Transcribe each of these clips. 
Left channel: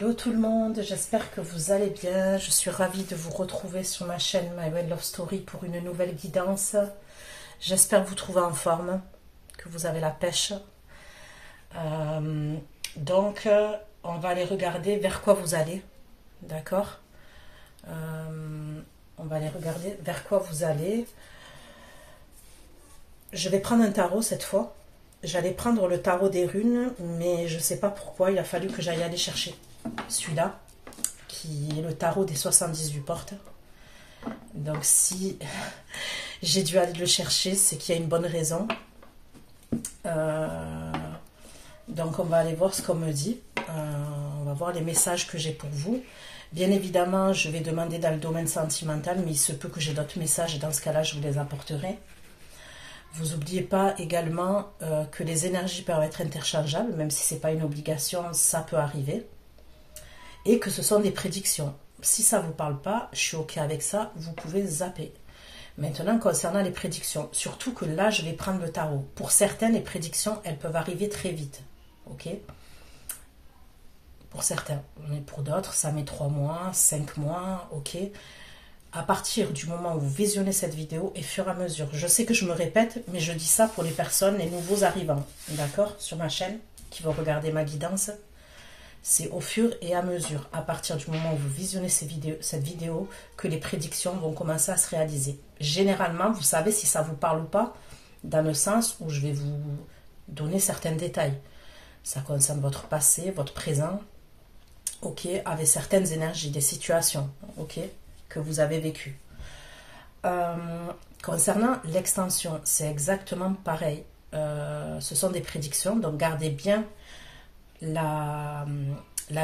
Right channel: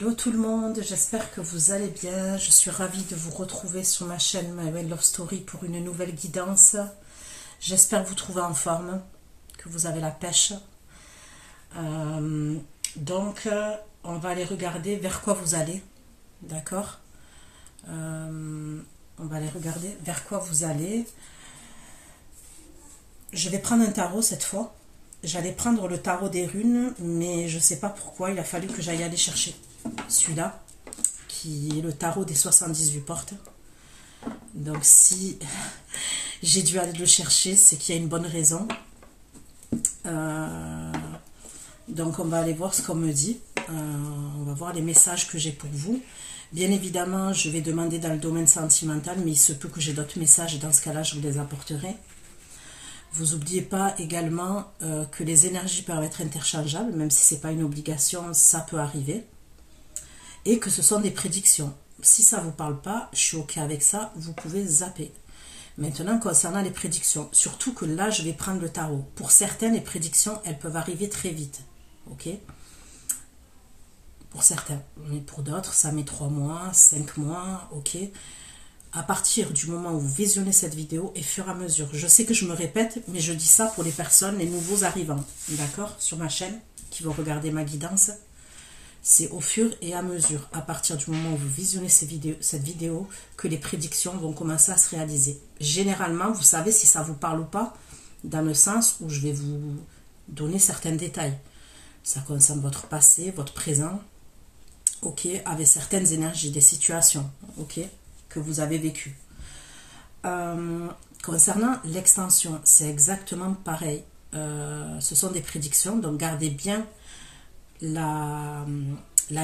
Hello tout le monde, j'espère que vous allez bien. Je suis ravie de vous retrouver sur ma chaîne My Well Love Story pour une nouvelle guidance. J'espère vous trouver en forme, que vous avez la pêche. Donc, on va aller regarder vers quoi vous allez. D'accord, on va aller regarder vers quoi vous allez. Je vais prendre un tarot cette fois. J'allais prendre le tarot des runes, mais je ne sais pas pourquoi. Il a fallu que j'aille aller chercher celui-là, qui est le tarot des 78 portes. Donc si j'ai dû aller le chercher, c'est qu'il y a une bonne raison. Donc on va aller voir ce qu'on me dit. On va voir les messages que j'ai pour vous. Bien évidemment, je vais demander dans le domaine sentimental, mais il se peut que j'ai d'autres messages et dans ce cas-là, je vous les apporterai. Vous n'oubliez pas également que les énergies peuvent être interchangeables, même si ce n'est pas une obligation, ça peut arriver. Et que ce sont des prédictions. Si ça ne vous parle pas, je suis OK avec ça, vous pouvez zapper. Maintenant, concernant les prédictions, surtout que là, je vais prendre le tarot. Pour certaines, les prédictions, elles peuvent arriver très vite. OK? Pour certains. Mais pour d'autres, ça met 3 mois, 5 mois, OK? À partir du moment où vous visionnez cette vidéo et fur et à mesure. Je sais que je me répète, mais je dis ça pour les personnes, les nouveaux arrivants, d'accord, sur ma chaîne, qui vont regarder ma guidance. C'est au fur et à mesure, à partir du moment où vous visionnez cette vidéo, que les prédictions vont commencer à se réaliser. Généralement, vous savez si ça vous parle ou pas, dans le sens où je vais vous donner certains détails. Ça concerne votre passé, votre présent, ok, avec certaines énergies, des situations, ok, que vous avez vécu. Concernant l'extension, c'est exactement pareil. Ce sont des prédictions, donc gardez bien la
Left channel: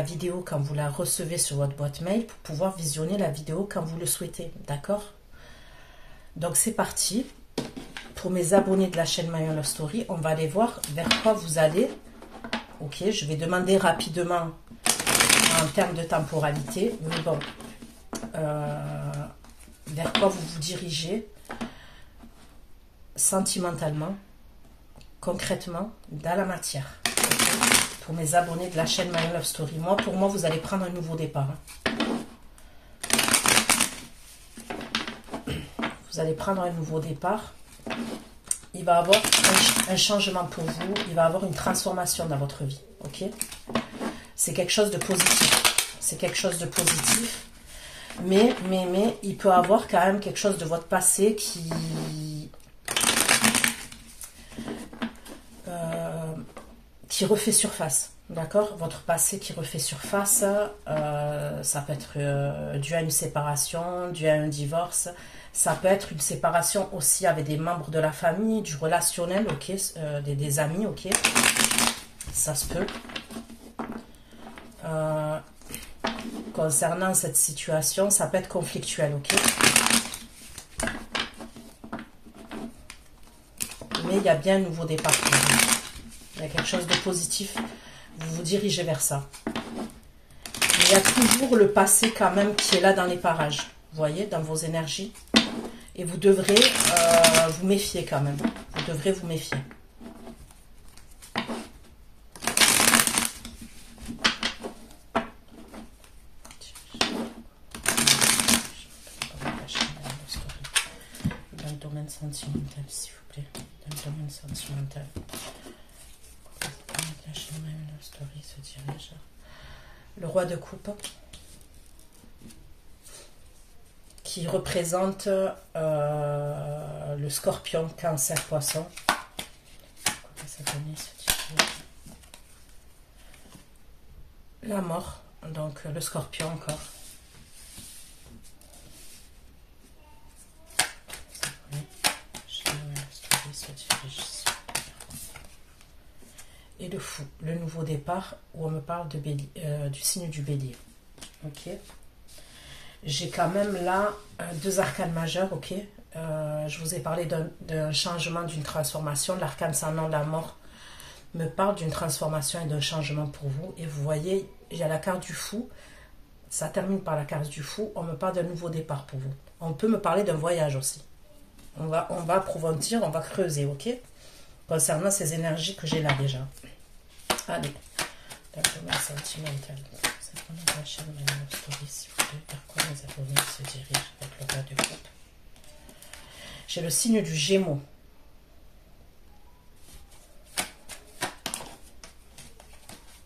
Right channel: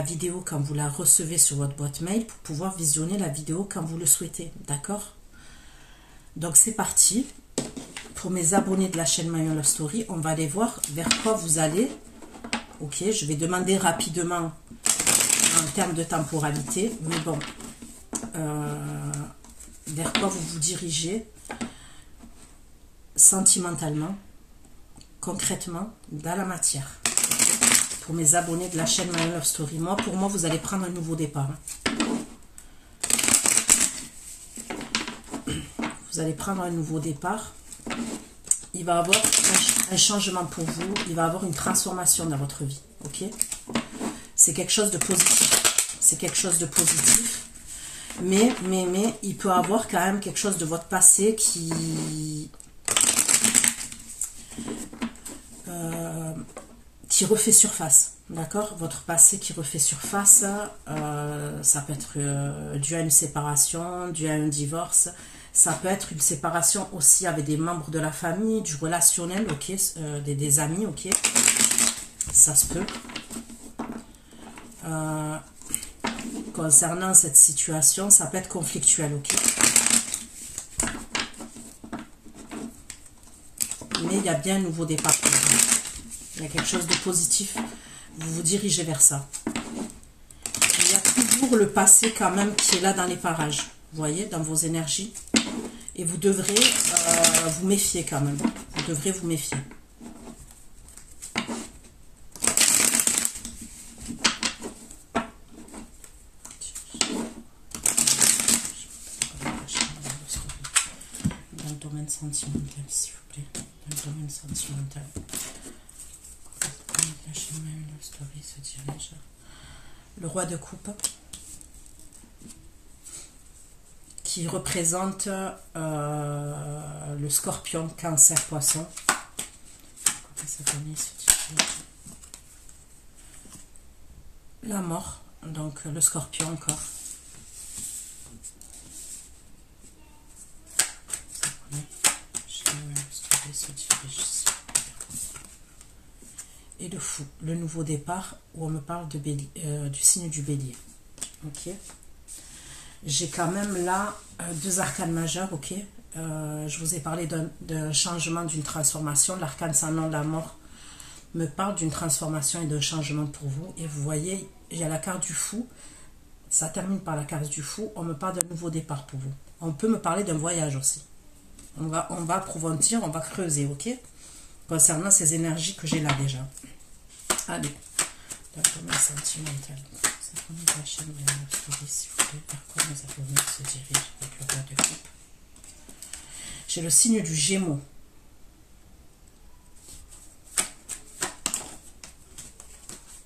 vidéo quand vous la recevez sur votre boîte mail pour pouvoir visionner la vidéo quand vous le souhaitez, d'accord? Donc c'est parti. Pour mes abonnés de la chaîne My Well Love Story, on va aller voir vers quoi vous allez. Ok, je vais demander rapidement en termes de temporalité, mais bon, vers quoi vous vous dirigez sentimentalement, concrètement, dans la matière. Pour mes abonnés de la chaîne My Well Love Story, pour moi, vous allez prendre un nouveau départ. Vous allez prendre un nouveau départ. Il va y avoir un changement pour vous. Il va y avoir une transformation dans votre vie. Ok? C'est quelque chose de positif. C'est quelque chose de positif. Mais il peut y avoir quand même quelque chose de votre passé qui refait surface, d'accord? Votre passé qui refait surface, ça peut être dû à une séparation, dû à un divorce, ça peut être une séparation aussi avec des membres de la famille, du relationnel, ok, des amis, ok, ça se peut. Concernant cette situation, ça peut être conflictuel, ok? Mais il y a bien un nouveau départ pour vous. Il y a quelque chose de positif, vous vous dirigez vers ça. Il y a toujours le passé quand même qui est là dans les parages, vous voyez, dans vos énergies. Et vous devrez vous méfier quand même, vous devrez vous méfier. Dans le domaine sentimental, s'il vous plaît, dans le domaine sentimental. Se dirige. Le roi de coupe qui représente le scorpion, cancer, poisson. La mort, donc le scorpion encore. Et le fou, le nouveau départ, où on me parle de du signe du bélier. Ok. J'ai quand même là 2 arcanes majeures, ok. Je vous ai parlé d'un changement, d'une transformation. L'arcane sans nom, la mort, me parle d'une transformation et d'un changement pour vous. Et vous voyez, il y a la carte du fou. Ça termine par la carte du fou. On me parle d'un nouveau départ pour vous. On peut me parler d'un voyage aussi. On va approfondir, on va creuser, ok. Concernant ces énergies que j'ai là déjà. Allez, La domaine sentimentale. C'est vraiment la chaîne de la story, s'il vous plaît. Vers quoi mes abonnés se dirigent avec le roi de coupe. J'ai le signe du Gémeaux.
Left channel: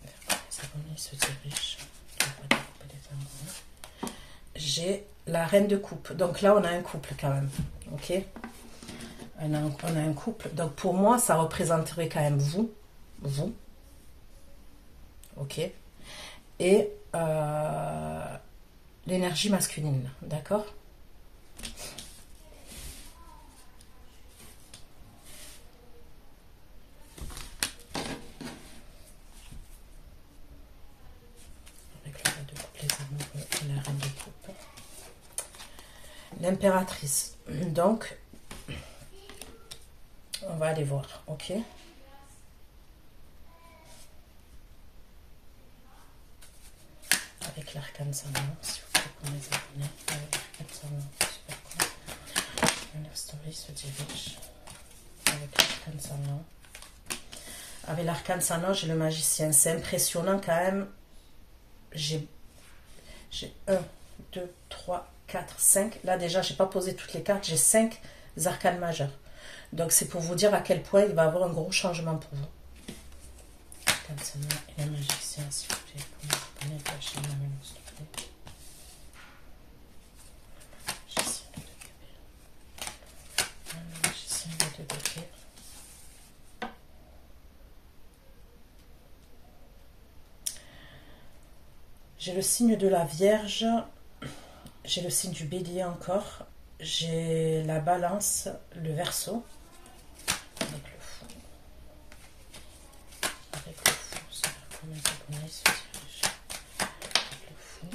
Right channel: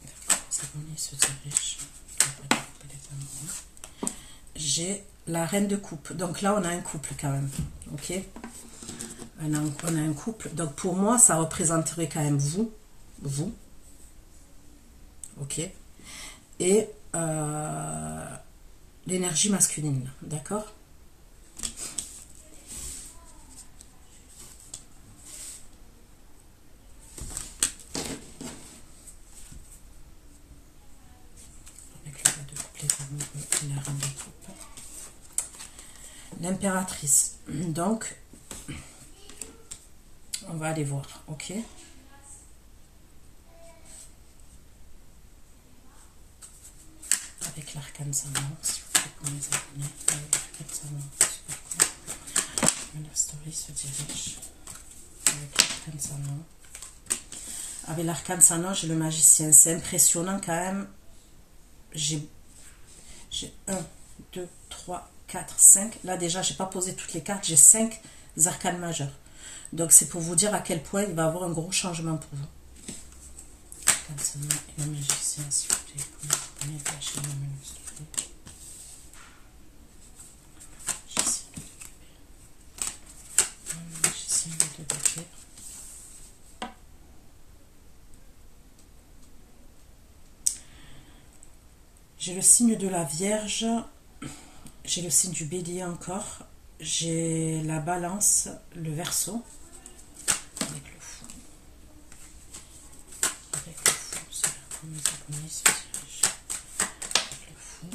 Les abonnés se dirigent avec le roi de coupe et les amoureux. J'ai la reine de coupe. Donc là, on a un couple quand même. Ok, on a un couple. Donc pour moi, ça représenterait quand même vous. Ok, et l'énergie masculine, d'accord. Avec le roi de coupe, les amoureux et la reine de coupe. L'impératrice. Donc, on va aller voir, ok. Avec l'arcane Saman, s'il vous plaît, pour mes abonnés. Avec l'arcane Saman, la story se dirige. Avec l'arcane Saman. Avec l'arcane Saman, j'ai le magicien. C'est impressionnant quand même. J'ai 1, 2, 3, 4, 5. Là déjà, je n'ai pas posé toutes les cartes. J'ai 5 arcanes majeurs. Donc c'est pour vous dire à quel point il va y avoir un gros changement pour vous. L'arcane Saman et le magicien, s'il vous plaît, pour mes abonnés de la chaîne Story. J'ai le signe de la Vierge, j'ai le signe du Bélier encore, j'ai la Balance, le Verseau, avec le Fou. Avec le Fou, c'est la première abonnée se dirige. Avec le Fou.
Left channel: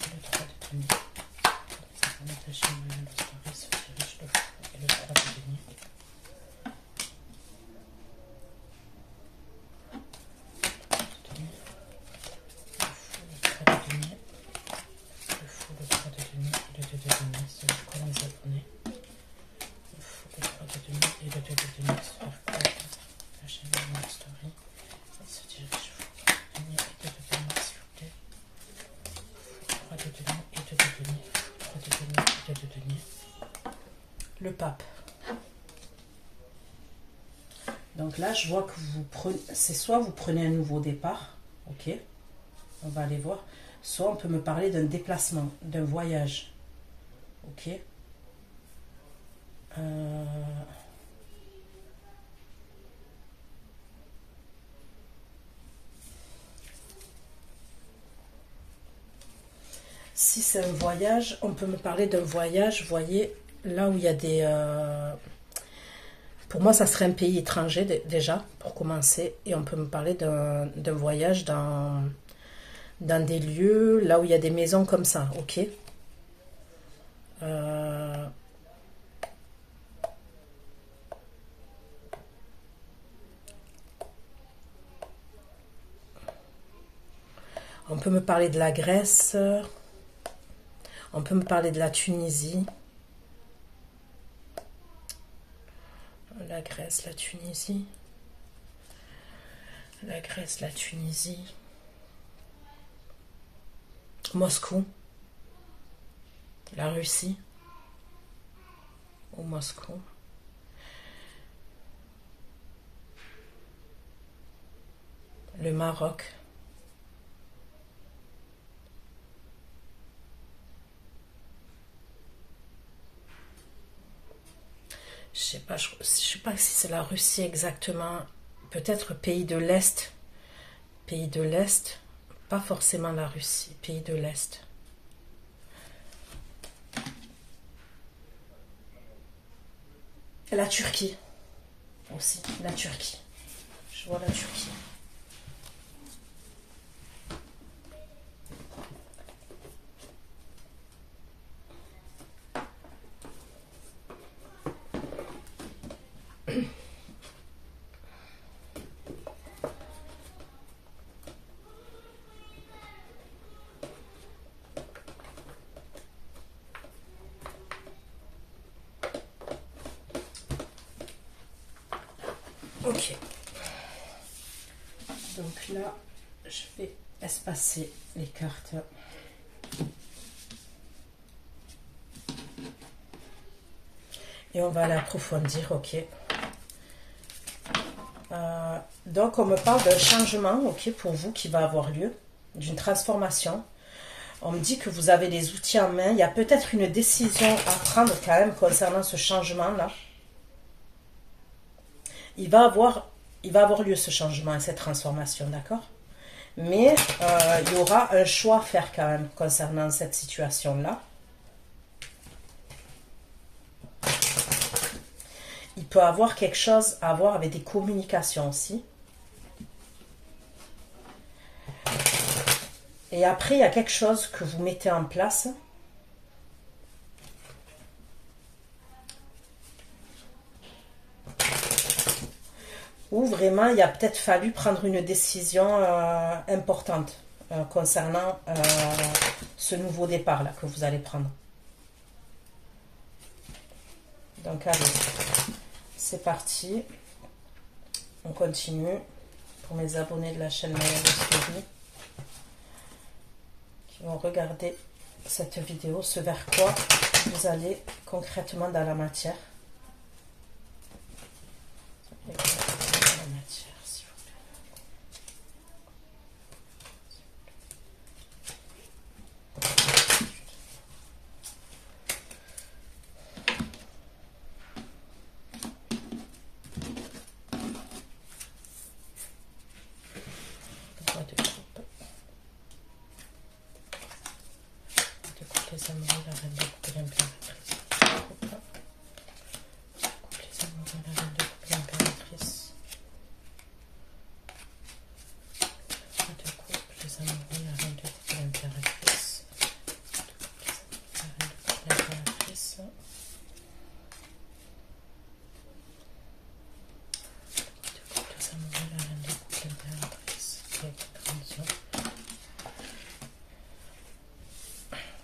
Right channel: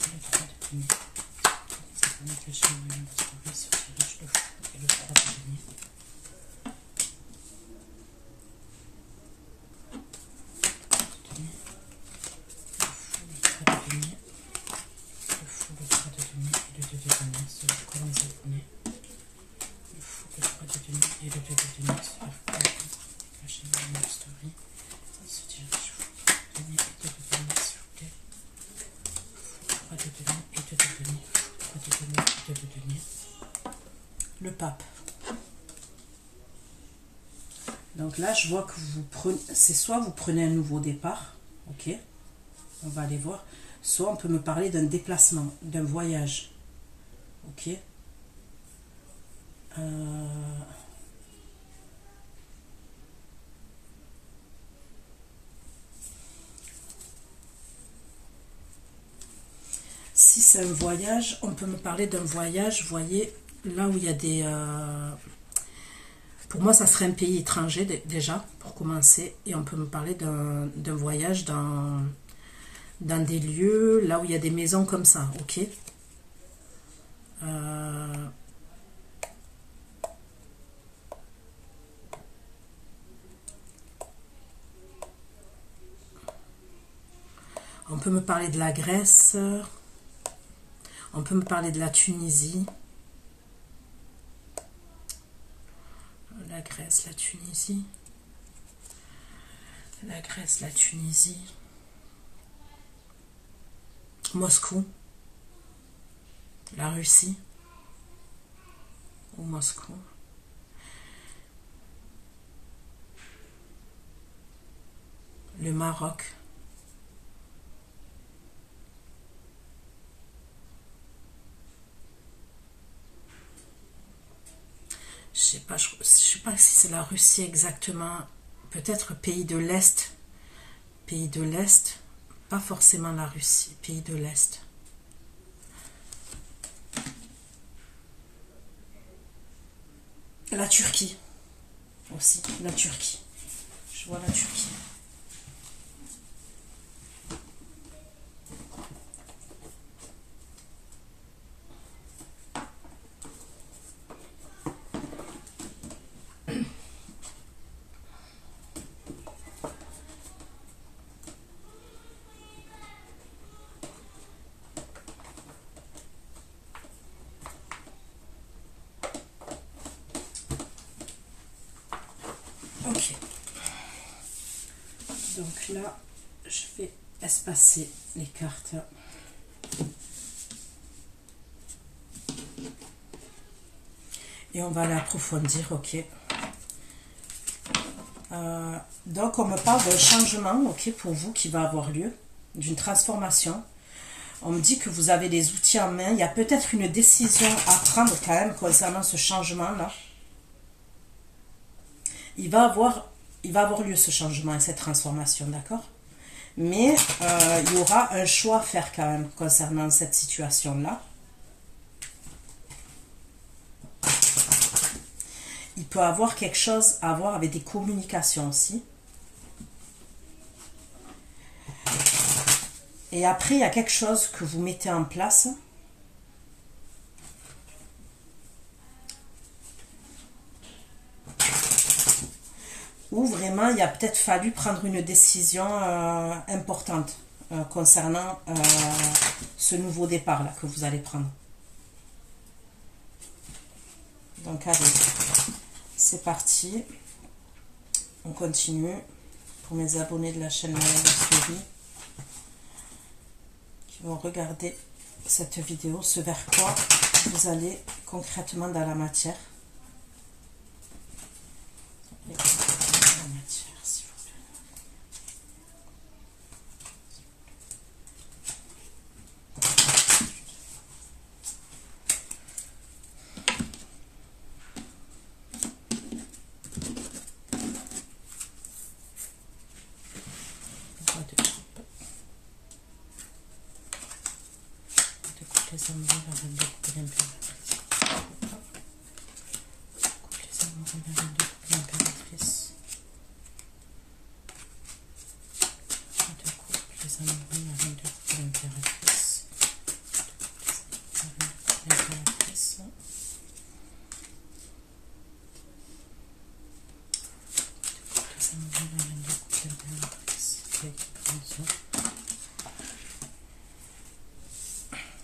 Et le 3 de denier. Les abonnés de la chaîne Story se dirige le Fou et le 3 de denier. Le pape. Donc là, je vois que vous prenez, c'est soit vous prenez un nouveau départ, ok, on va aller voir, soit on peut me parler d'un déplacement, d'un voyage, ok. Si c'est un voyage, on peut me parler d'un voyage, vous voyez, là où il y a des... pour moi, ça serait un pays étranger déjà, pour commencer. Et on peut me parler d'un voyage dans des lieux, là où il y a des maisons comme ça, ok. On peut me parler de la Grèce, on peut me parler de la Tunisie. La Grèce, la Tunisie. La Grèce, la Tunisie. Moscou. La Russie. Ou Moscou. Le Maroc. Je sais pas si c'est la Russie exactement. Peut-être pays de l'Est. Pays de l'Est. Pas forcément la Russie. Pays de l'Est. La Turquie. Aussi. La Turquie. Je vois la Turquie. Ok. là, je vais espacer les cartes. Et on va aller approfondir, ok. Donc, on me parle d'un changement, ok, pour vous qui va avoir lieu, d'une transformation. On me dit que vous avez les outils en main. Il y a peut-être une décision à prendre quand même concernant ce changement-là. Il va avoir lieu ce changement et cette transformation, d'accord? Mais il y aura un choix à faire quand même concernant cette situation-là. Il peut avoir quelque chose à voir avec des communications aussi. Et après, il y a quelque chose que vous mettez en place. Où vraiment, il a peut-être fallu prendre une décision importante concernant ce nouveau départ-là que vous allez prendre. Donc, allez, c'est parti. On continue. Pour mes abonnés de la chaîne Suivi, qui vont regarder cette vidéo, ce vers quoi vous allez concrètement dans la matière.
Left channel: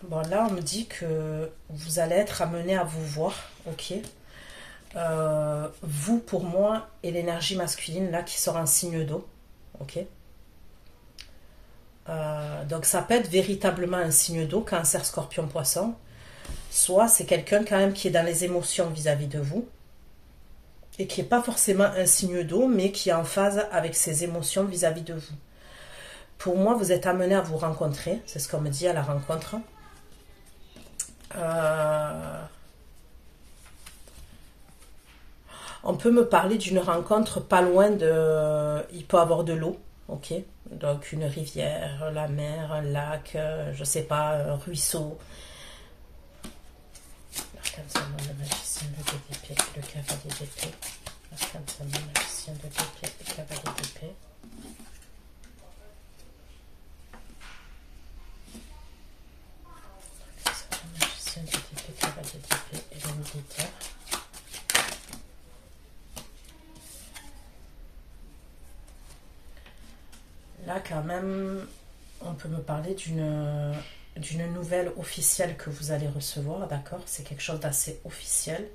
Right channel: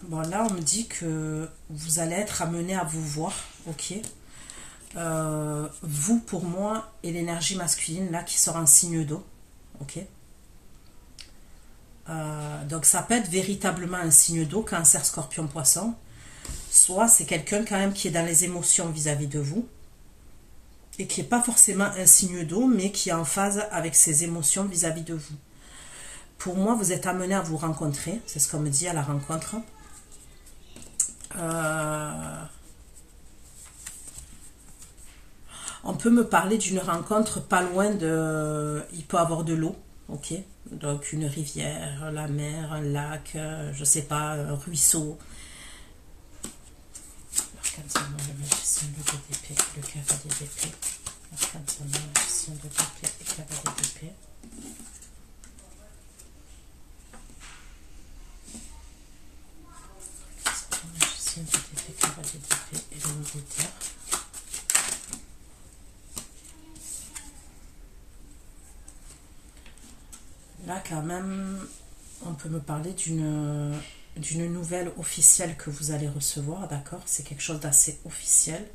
Bon, là, on me dit que vous allez être amené à vous voir, ok. Vous, pour moi, et l'énergie masculine, là, qui sort en signe d'eau, ok. Donc, ça peut être véritablement un signe d'eau, Cancer, Scorpion, Poisson. Soit c'est quelqu'un quand même qui est dans les émotions vis-à-vis de vous, et qui n'est pas forcément un signe d'eau, mais qui est en phase avec ses émotions vis-à-vis de vous. Pour moi, vous êtes amené à vous rencontrer, c'est ce qu'on me dit à la rencontre. On peut me parler d'une rencontre pas loin de... Il peut avoir de l'eau, ok. Donc une rivière, la mer, un lac, je sais pas, un ruisseau. Arcane le magicien, le d'épée, le cavalier d'épée. Arcane le magicien, le d'épée, le cavalier d'épée. Et le militaire. Là, quand même, on peut me parler d'une nouvelle officielle que vous allez recevoir, d'accord? C'est quelque chose d'assez officiel,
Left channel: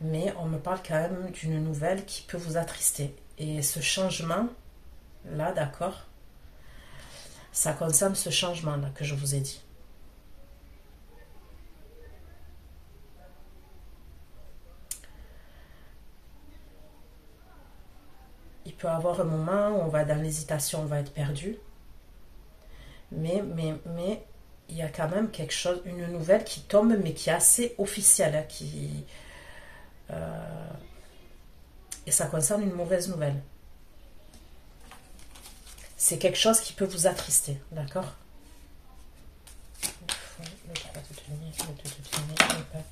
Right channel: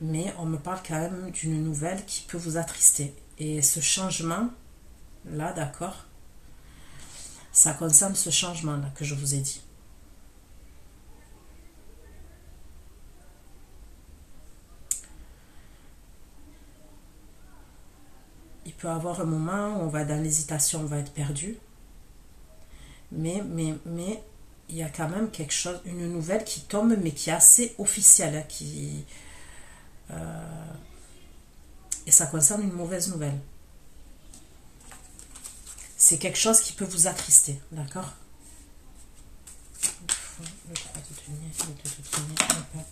mais on me parle quand même d'une nouvelle qui peut vous attrister. Et ce changement, là, d'accord, ça concerne ce changement-là que je vous ai dit. Il peut y avoir un moment où on va dans l'hésitation, on va être perdu. Mais il y a quand même quelque chose, une nouvelle qui tombe, mais qui est assez officielle. Et ça concerne une mauvaise nouvelle. C'est quelque chose qui peut vous attrister, d'accord? Le 3 de denier, le 2 de denier, le pape.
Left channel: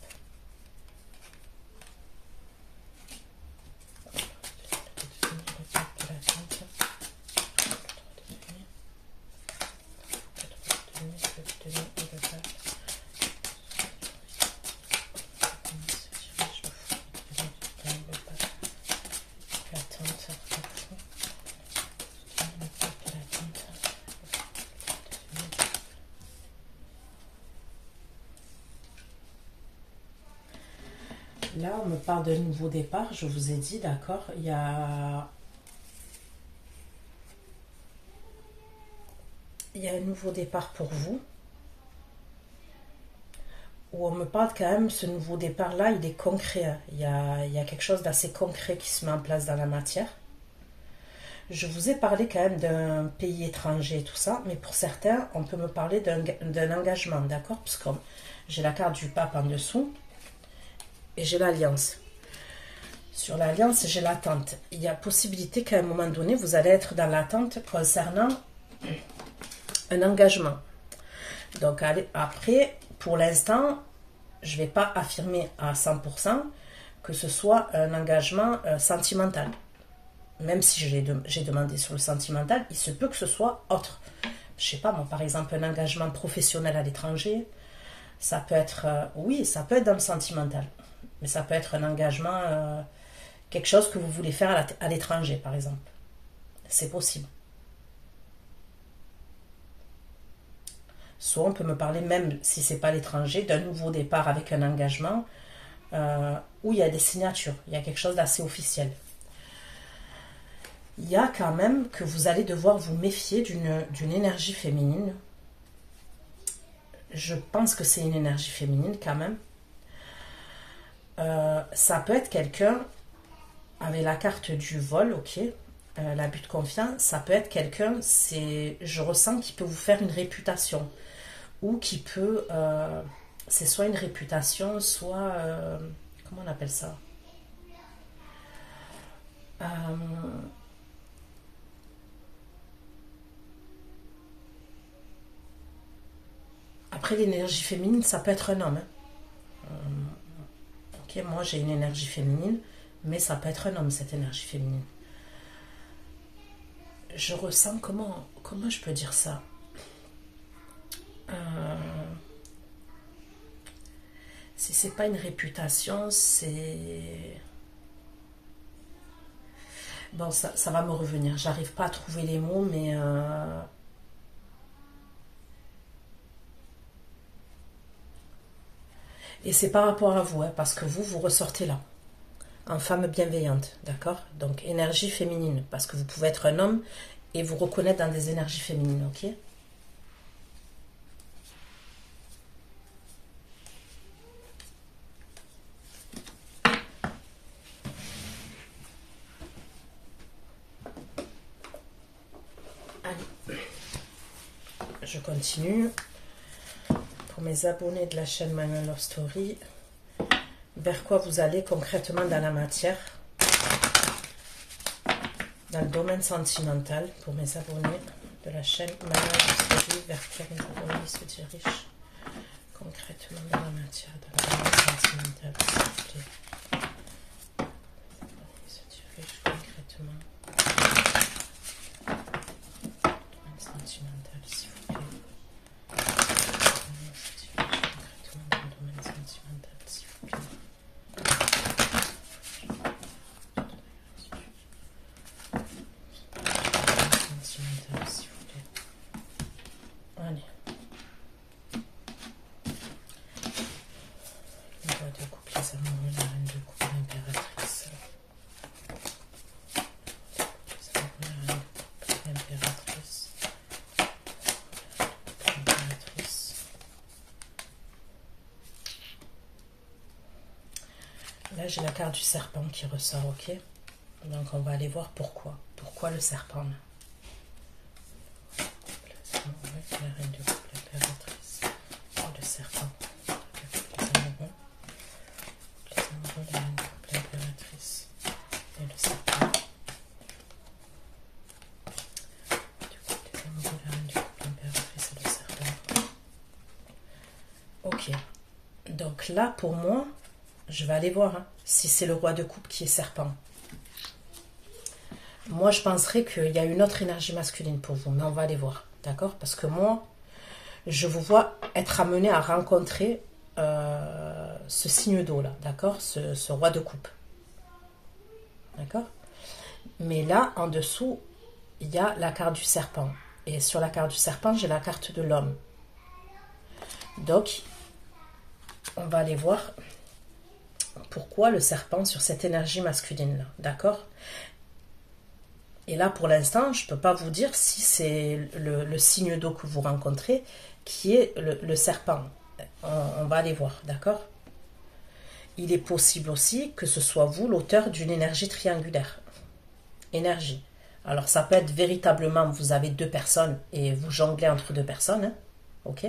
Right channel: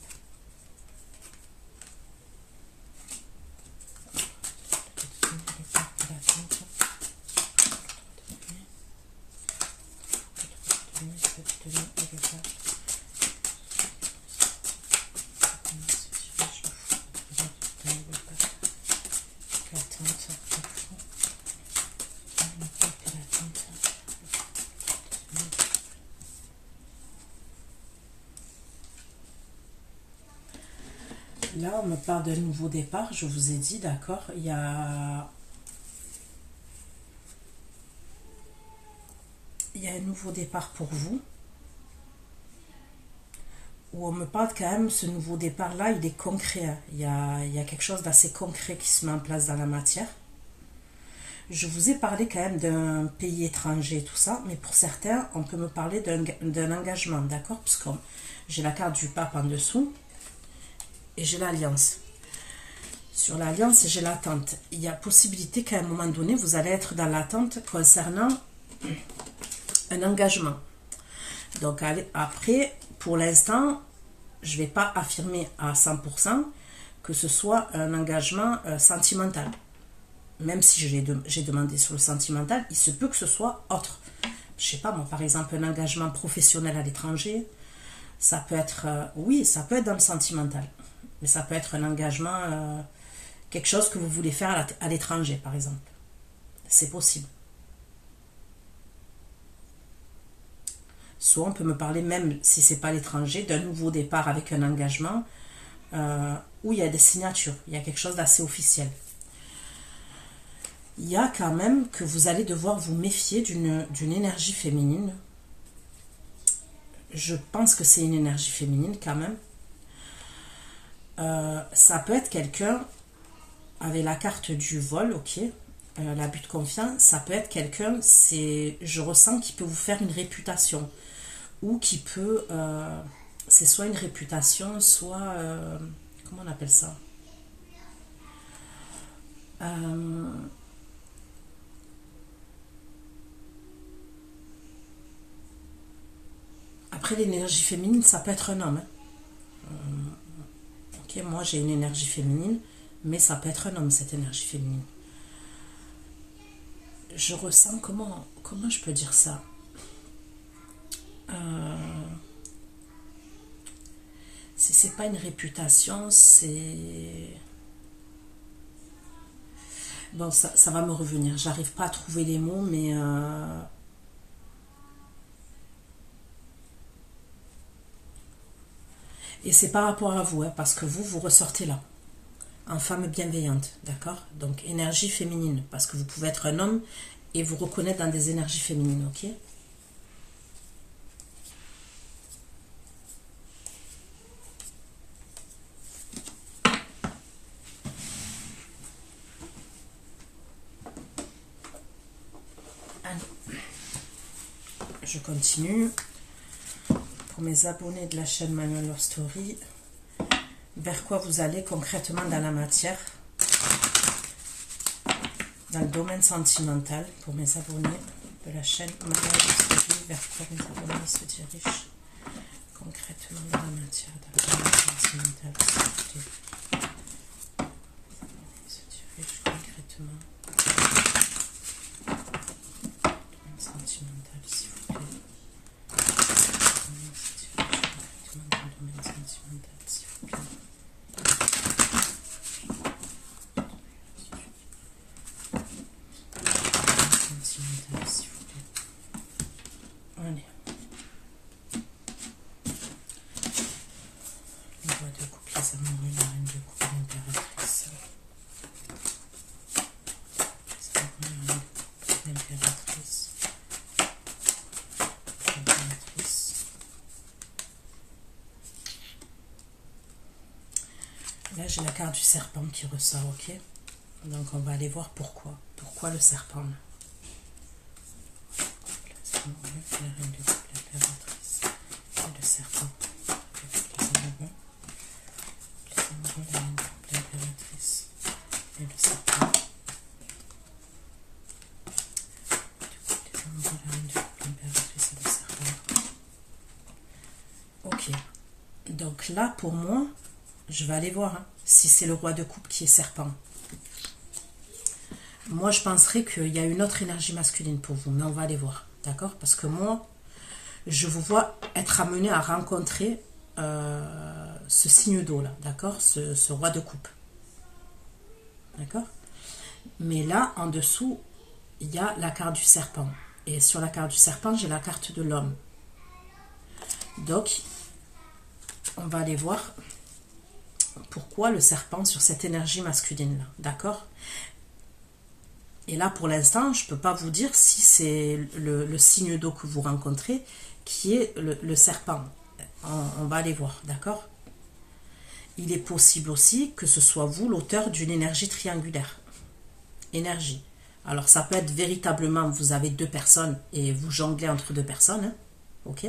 Là, on me parle d'un nouveau départ, je vous ai dit, d'accord, il y a il y a un nouveau départ pour vous. Où on me parle quand même, ce nouveau départ-là, il est concret. Hein. Il y a quelque chose d'assez concret qui se met en place dans la matière. Je vous ai parlé quand même d'un pays étranger, tout ça, mais pour certains, on peut me parler d'un engagement, d'accord? Parce que j'ai la carte du pape en dessous et j'ai l'alliance. Sur l'alliance, j'ai l'attente. Il y a possibilité qu'à un moment donné, vous allez être dans l'attente concernant un engagement. Donc après, pour l'instant, je ne vais pas affirmer à 100% que ce soit un engagement sentimental. Même si j'ai demandé sur le sentimental, il se peut que ce soit autre. Je ne sais pas moi, par exemple, un engagement professionnel à l'étranger, ça peut être, oui, ça peut être dans le sentimental. Mais ça peut être un engagement, quelque chose que vous voulez faire à l'étranger, par exemple. C'est possible. Soit on peut me parler, même si ce n'est pas l'étranger, d'un nouveau départ avec un engagement où il y a des signatures, il y a quelque chose d'assez officiel. Il y a quand même que vous allez devoir vous méfier d'une énergie féminine. Je pense que c'est une énergie féminine quand même. Ça peut être quelqu'un avec la carte du vol, ok, l'abus de confiance. Ça peut être quelqu'un, je ressens qu'il peut vous faire une réputation. Ou qui peut, c'est soit une réputation, soit, comment on appelle ça? Après, l'énergie féminine, ça peut être un homme. Hein. Ok, moi j'ai une énergie féminine, mais ça peut être un homme, cette énergie féminine. Je ressens, comment je peux dire ça? Si c'est pas une réputation, c'est... Bon, ça va me revenir. J'arrive pas à trouver les mots, mais... Et c'est par rapport à vous, hein, parce que vous ressortez là. En femme bienveillante, d'accord? Donc, énergie féminine, parce que vous pouvez être un homme et vous reconnaître dans des énergies féminines, ok? Allez. Je continue. Pour mes abonnés de la chaîne Manuel Love Story, vers quoi vous allez concrètement dans la matière, dans le domaine sentimental, pour mes abonnés de la chaîne Manuel Love Story, vers quoi mes abonnés se dirigent concrètement dans la matière, dans le domaine sentimental, s'il vous plaît. Ils se dirigent concrètement dans le domaine sentimental, s'il vous plaît. Là, j'ai la carte du serpent qui ressort, ok? Donc, on va aller voir pourquoi. Pourquoi le serpent, là? La reine de coupe, l'impératrice, le serpent. Les amoureux, la reine de coupe, l'impératrice et le serpent. Les amoureux, la reine de coupe, l'impératrice et le serpent. Ok. Donc là, pour moi, je vais aller voir hein, si c'est le roi de coupe qui est serpent. Moi, je penserais qu'il y a une autre énergie masculine pour vous, mais on va aller voir, d'accord? Parce que moi, je vous vois être amené à rencontrer ce signe d'eau là, d'accord? Ce roi de coupe, d'accord? Mais là, en dessous, il y a la carte du serpent. Et sur la carte du serpent, j'ai la carte de l'homme. Donc, on va aller voir pourquoi le serpent sur cette énergie masculine là, d'accord? Et là, pour l'instant, je ne peux pas vous dire si c'est le signe d'eau que vous rencontrez qui est le serpent. On va aller voir, d'accord? Il est possible aussi que ce soit vous l'auteur d'une énergie triangulaire. Énergie. Alors, ça peut être véritablement, vous avez deux personnes et vous jonglez entre deux personnes, hein, ok?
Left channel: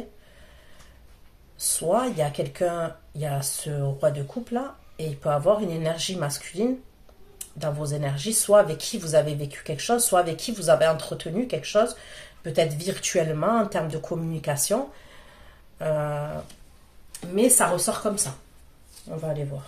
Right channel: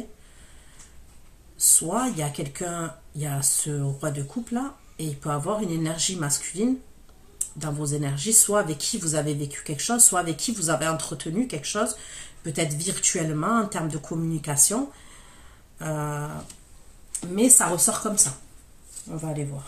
Soit il y a quelqu'un, il y a ce roi de coupe là, et il peut avoir une énergie masculine dans vos énergies, soit avec qui vous avez vécu quelque chose, soit avec qui vous avez entretenu quelque chose, peut-être virtuellement en termes de communication, mais ça ressort comme ça. On va aller voir.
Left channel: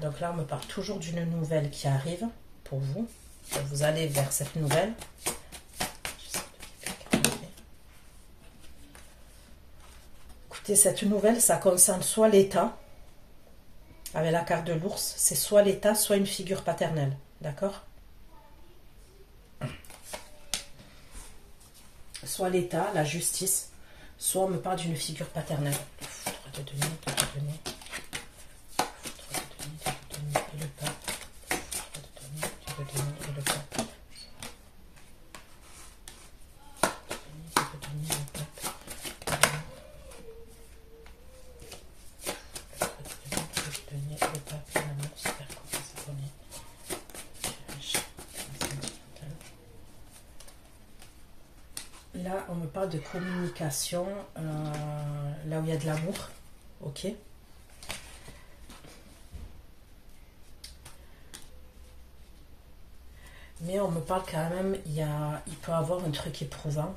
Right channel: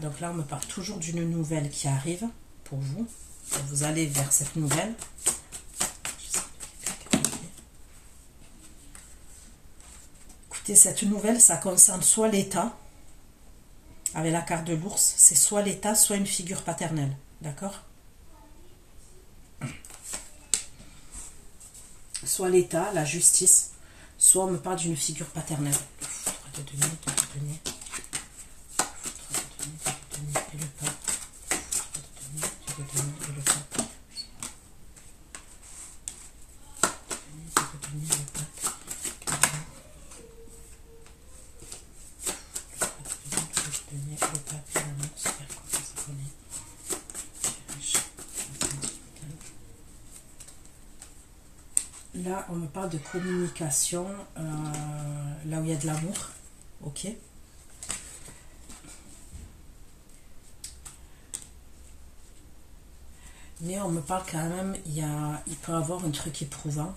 Donc là, on me parle toujours d'une nouvelle qui arrive pour vous. Vous allez vers cette nouvelle. Écoutez, cette nouvelle, ça concerne soit l'État, avec la carte de l'ours, c'est soit l'État, soit une figure paternelle. D'accord? Soit l'État, la justice, soit on me parle d'une figure paternelle. Il faudra de donner, de donner. Et le pape. Et le pape. Là, on me parle de communication, là où il y a de l'amour, ok? Mais on me parle quand même, il peut y avoir un truc éprouvant.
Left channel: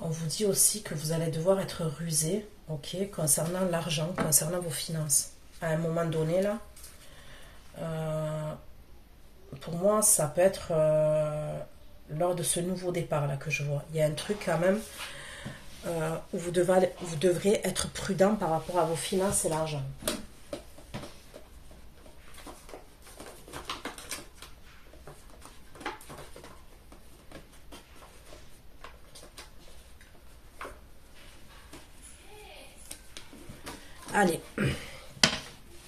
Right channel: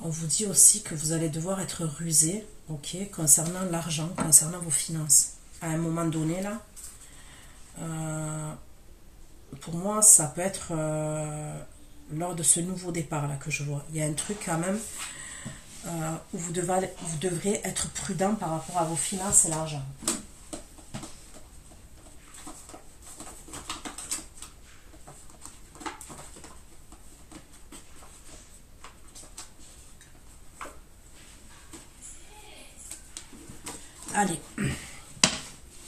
On vous dit aussi que vous allez devoir être rusé, ok, concernant l'argent, concernant vos finances. À un moment donné, là, pour moi, ça peut être lors de ce nouveau départ là que je vois. Il y a un truc quand même où vous devrez être prudent par rapport à vos finances et l'argent. Allez,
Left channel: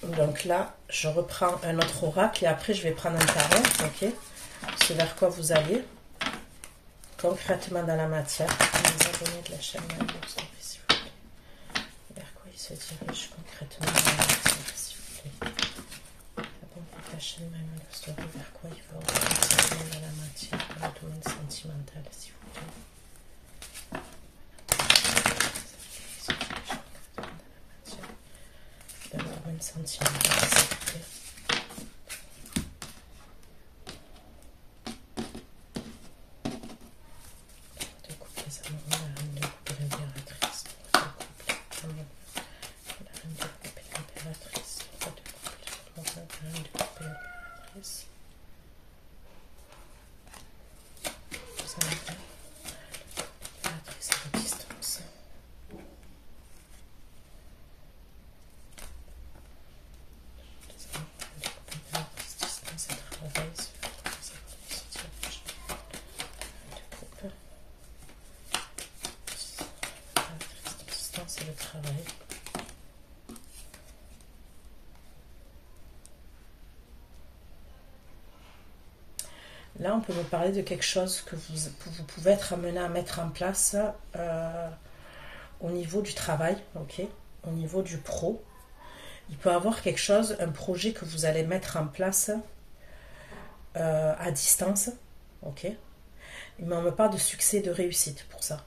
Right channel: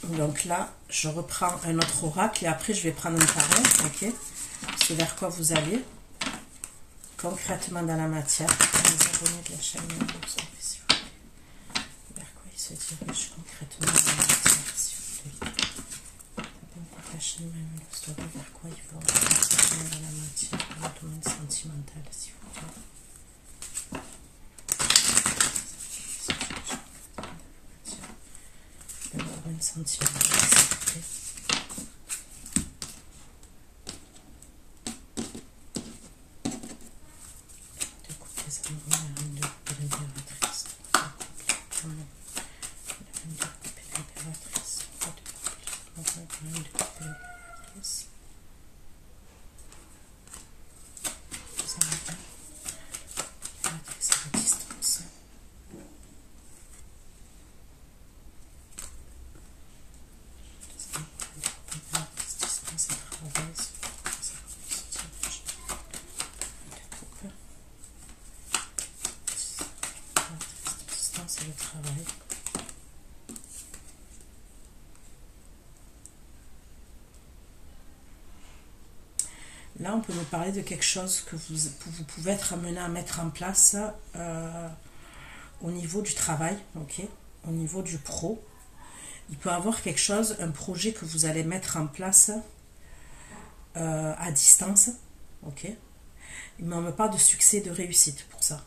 donc là, je reprends un autre oracle et après je vais prendre un tarot, ok? C'est vers quoi vous allez concrètement dans la matière. Les abonnés de la chaîne, s'il vous plaît. Vers quoi il se dirige concrètement dans la matière, s'il vous plaît. La chaîne, vers quoi il faut s'abonner dans la matière, dans le domaine sentimental, s'il vous plaît. Sentimental, s'il vous plaît. Découpe les amours, la reine de coupe l'impératrice. La reine de coupe l'impératrice. La reine de coupe l'impératrice. Vous allez voir. L'impératrice à la distance. Là, on peut vous parler de quelque chose que vous pouvez être amené à mettre en place au niveau du travail, ok, au niveau du pro. Il peut y avoir quelque chose, un projet que vous allez mettre en place à distance, ok. Mais on ne me parle de succès, de réussite pour ça.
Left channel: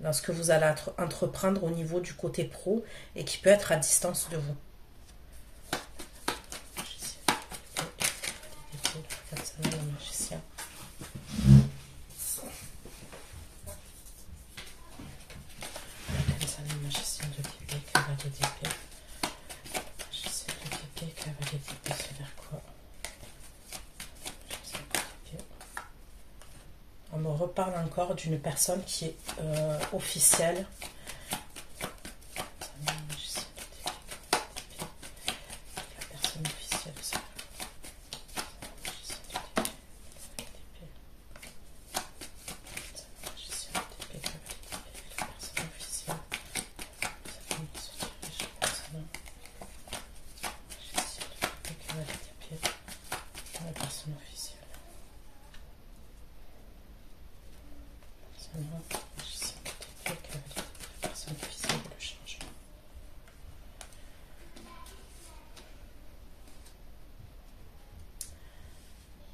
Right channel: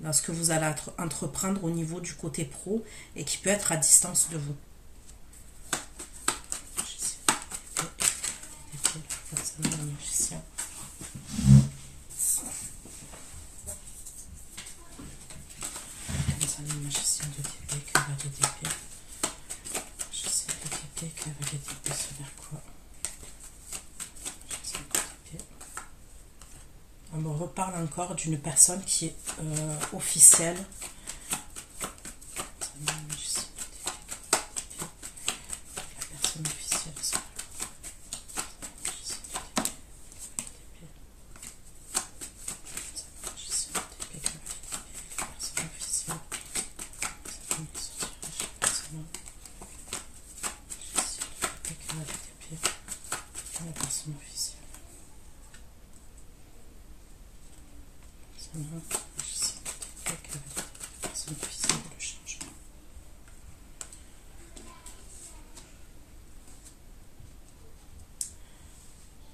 Dans ce que vous allez entreprendre au niveau du côté pro et qui peut être à distance de vous. Le magicien. Le magicien de d'épée, cavalier d'épée. Magicien de d'épée, cavalier d'épée, c'est vers quoi? On me reparle encore d'une personne qui est officielle.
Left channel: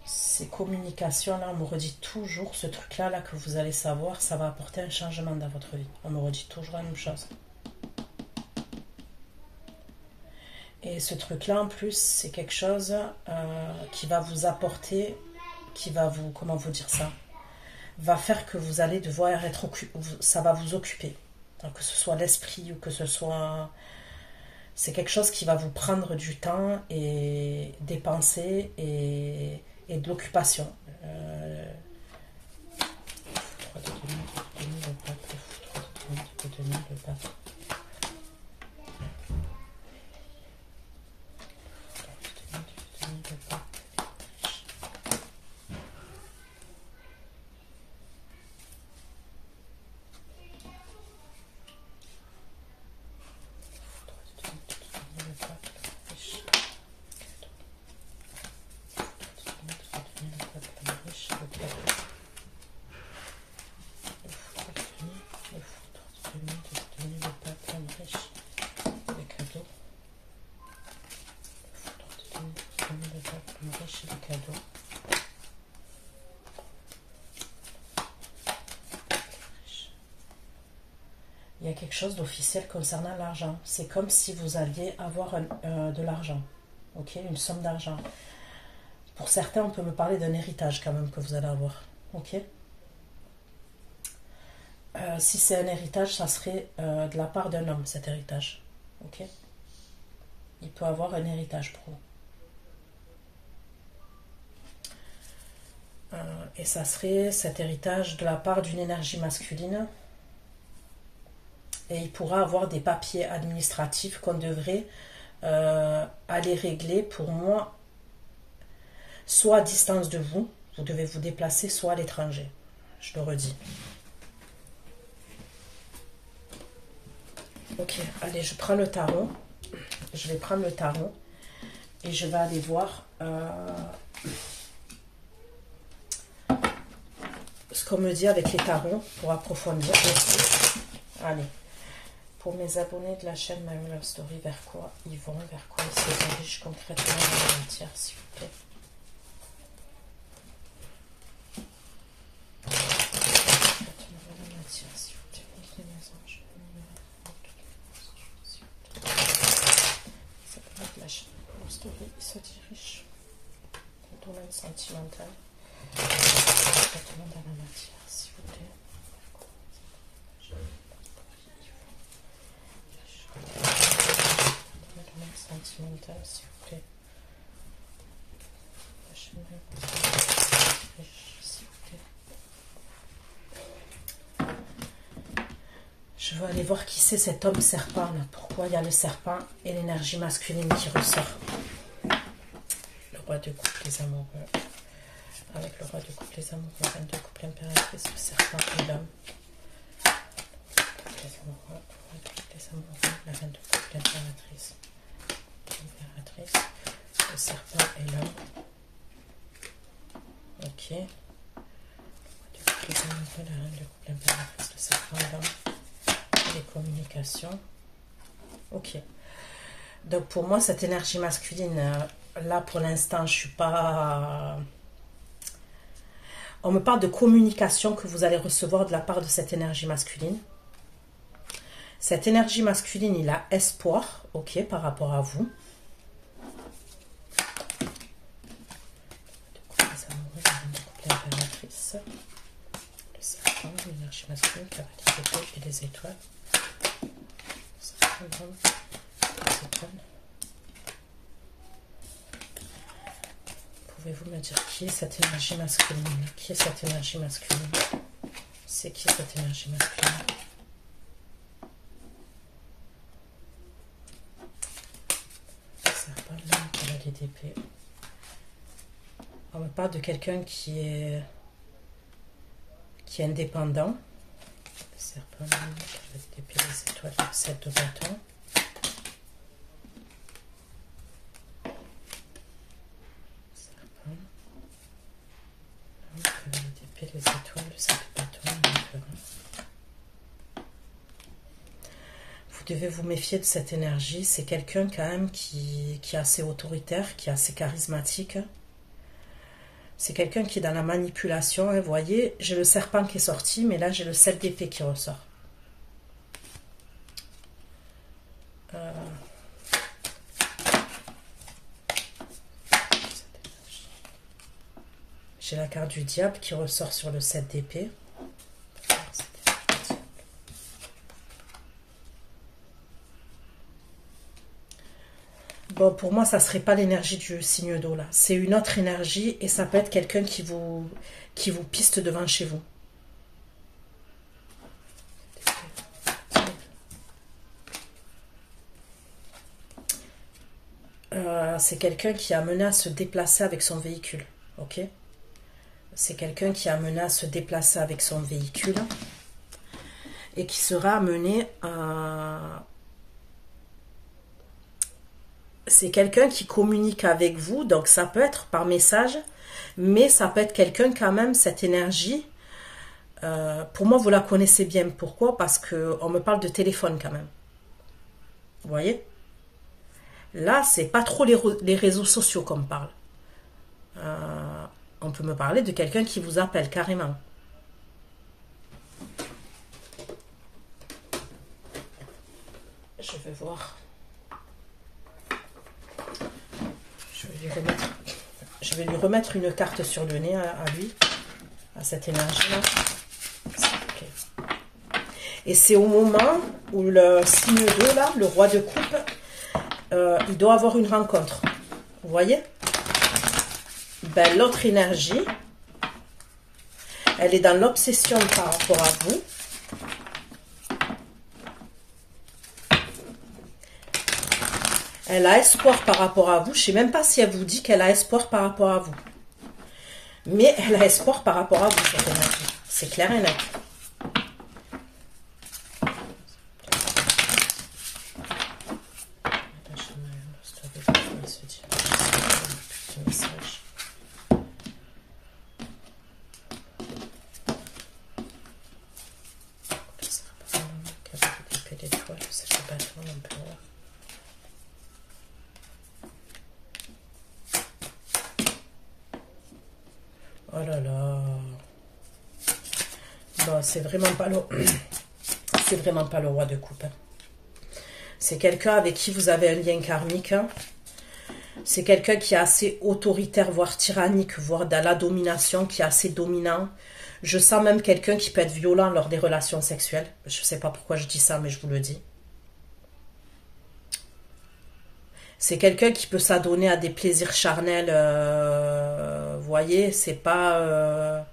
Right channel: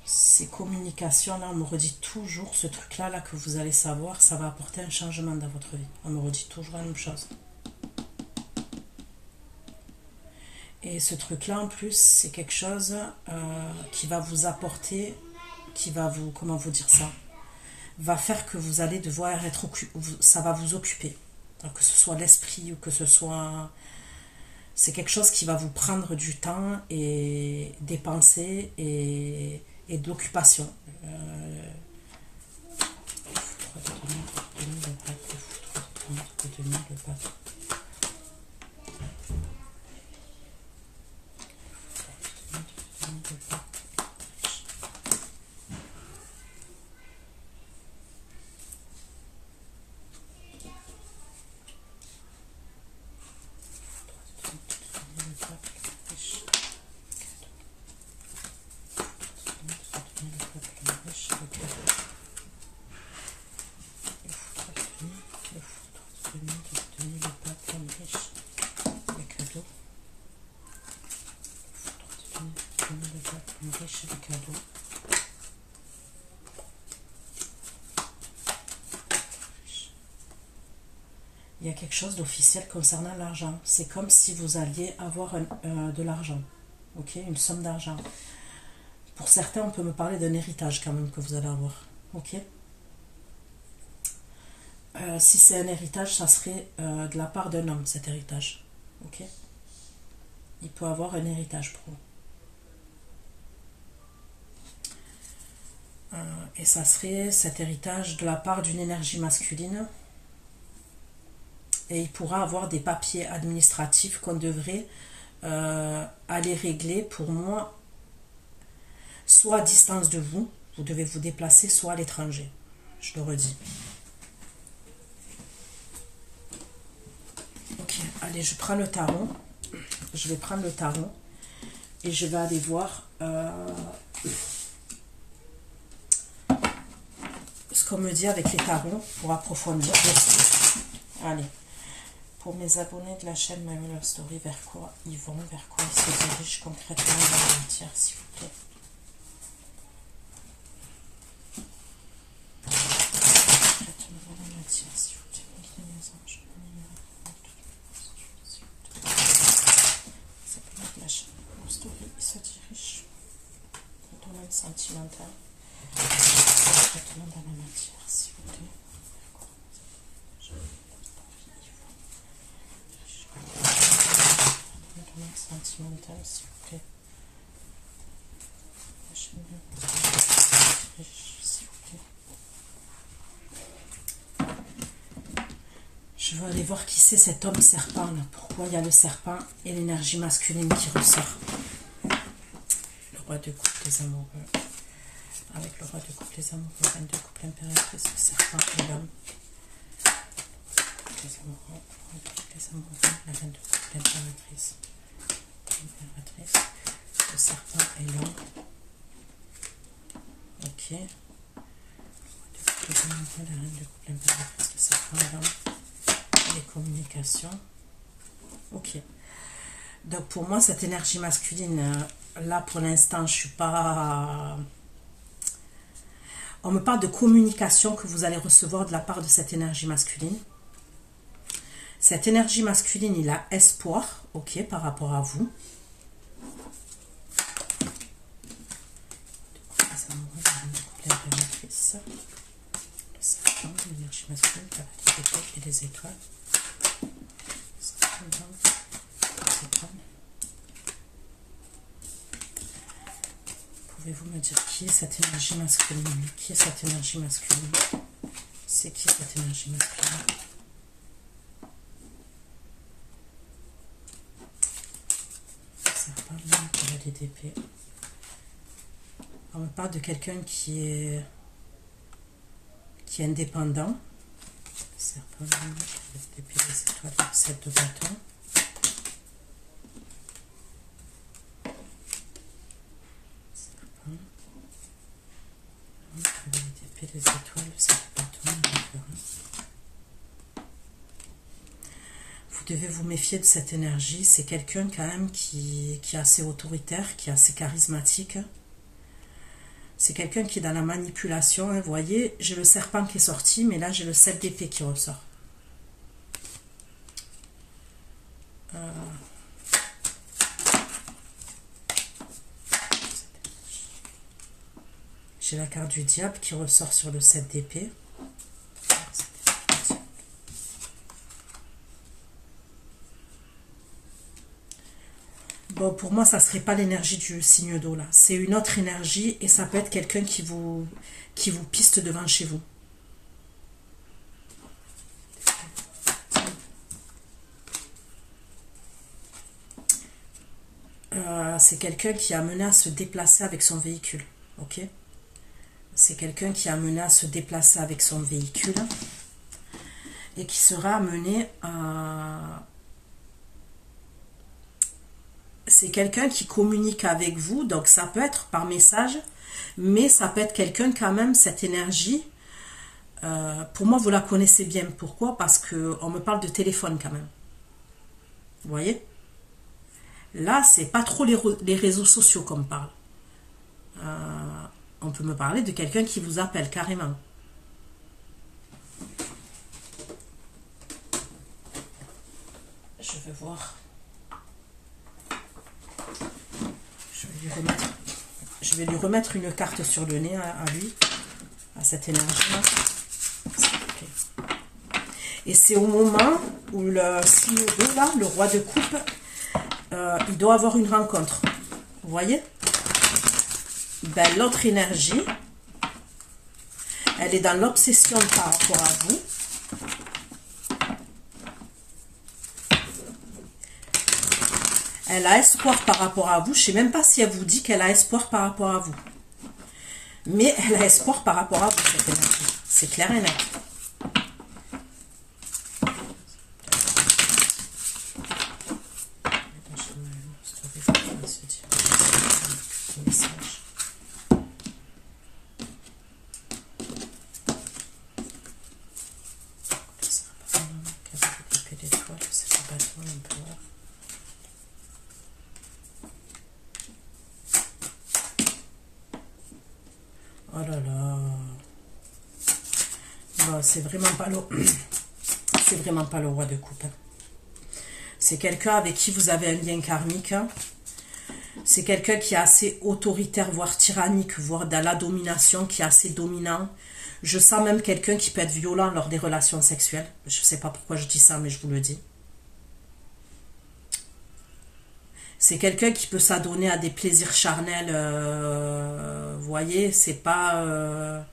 Ces communications-là, on me redit toujours ce truc-là là, que vous allez savoir, ça va apporter un changement dans votre vie. On me redit toujours la même chose. Et ce truc-là, en plus, c'est quelque chose qui va vous apporter, qui va vous, comment vous dire ça, va faire que vous allez devoir être occupé, ça va vous occuper. Que ce soit l'esprit ou que ce soit... C'est quelque chose qui va vous prendre du temps et des pensées et de l'occupation. Il y a quelque chose d'officiel concernant l'argent. C'est comme si vous alliez avoir de l'argent. Ok, une somme d'argent. Pour certains, on peut me parler d'un héritage quand même que vous allez avoir. Ok. Si c'est un héritage, ça serait de la part d'un homme, cet héritage. Ok. Il peut avoir un héritage pour vous. Et ça serait cet héritage de la part d'une énergie masculine. Et il pourra avoir des papiers administratifs qu'on devrait aller régler pour moi, soit à distance de vous, vous devez vous déplacer, soit à l'étranger. Je le redis. Ok, allez, je prends le tarot. Je vais prendre le tarot et je vais aller voir ce qu'on me dit avec les tarots pour approfondir. Allez, pour mes abonnés de la chaîne My Real Love Story, vers quoi ils vont, vers quoi ils se dirigent concrètement dans la matière, s'il vous plaît. Se dirige au domaine sentimental. Traitement dans la matière, s'il vous plaît. Le domaine sentimental, s'il vous plaît. S'il vous plaît. Je vais aller voir qui c'est cet homme serpent là. Pourquoi il y a le serpent et l'énergie masculine qui ressort. Roi de coupe, les amoureux. Avec le roi de coupe, les amoureux. Reine de coupe, l'impératrice, le serpent et l'homme. Les amoureux, le roi de coupe, les amoureux. La reine de coupe, l'impératrice. L'impératrice, le serpent et l'homme. Ok. Le roi de coupe, les amoureux. La reine de coupe, l'impératrice, le serpent et l'homme. Les communications. Ok. Donc pour moi, cette énergie masculine, là pour l'instant, je suis pas... On me parle de communication que vous allez recevoir de la part de cette énergie masculine. Cette énergie masculine, il a espoir, ok, par rapport à vous. Les amoureux, l'impératrice, le serpent, l'énergie masculine, et les étoiles. Pouvez-vous me dire qui est cette énergie masculine? Qui est cette énergie masculine? C'est qui cette énergie masculine? Ça parle de la DDP. On me parle de quelqu'un qui est indépendant. Le serpent, la DDP, les étoiles, le 7 de bâton. Les étoiles, le 7 de bâton, devez vous méfier de cette énergie. C'est quelqu'un quand même qui est assez autoritaire, qui est assez charismatique. C'est quelqu'un qui est dans la manipulation. Vous voyez, j'ai le serpent qui est sorti, mais là j'ai le 7 d'épée qui ressort. J'ai la carte du diable qui ressort sur le 7 d'épée. Bon, pour moi, ça ne serait pas l'énergie du signe d'eau, là. C'est une autre énergie et ça peut être quelqu'un qui vous piste devant chez vous. C'est quelqu'un qui est amené à se déplacer avec son véhicule. Ok? C'est quelqu'un qui est amené à se déplacer avec son véhicule et qui sera amené à... C'est quelqu'un qui communique avec vous, donc ça peut être par message, mais ça peut être quelqu'un quand même, cette énergie, pour moi vous la connaissez bien. Pourquoi? Parce qu'on me parle de téléphone quand même. Vous voyez? Là, c'est pas trop les réseaux sociaux qu'on me parle. On peut me parler de quelqu'un qui vous appelle carrément. Je vais voir. Je vais lui remettre une carte sur le nez à lui, à cette énergie-là. Okay. Et c'est au moment où le signe d'eau, là, le roi de coupe, il doit avoir une rencontre. Vous voyez? Ben, l'autre énergie, elle est dans l'obsession par rapport à vous. Elle a espoir par rapport à vous. Je ne sais même pas si elle vous dit qu'elle a espoir par rapport à vous. Mais elle a espoir par rapport à vous, cette énergie. C'est clair et net. Oh là là. Bon, c'est vraiment pas le... c'est vraiment pas le roi de coupe. C'est quelqu'un avec qui vous avez un lien karmique. C'est quelqu'un qui est assez autoritaire, voire tyrannique, voire dans la domination, qui est assez dominant. Je sens même quelqu'un qui peut être violent lors des relations sexuelles. Je ne sais pas pourquoi je dis ça, mais je vous le dis. C'est quelqu'un qui peut s'adonner à des plaisirs charnels. Vous voyez, c'est pas...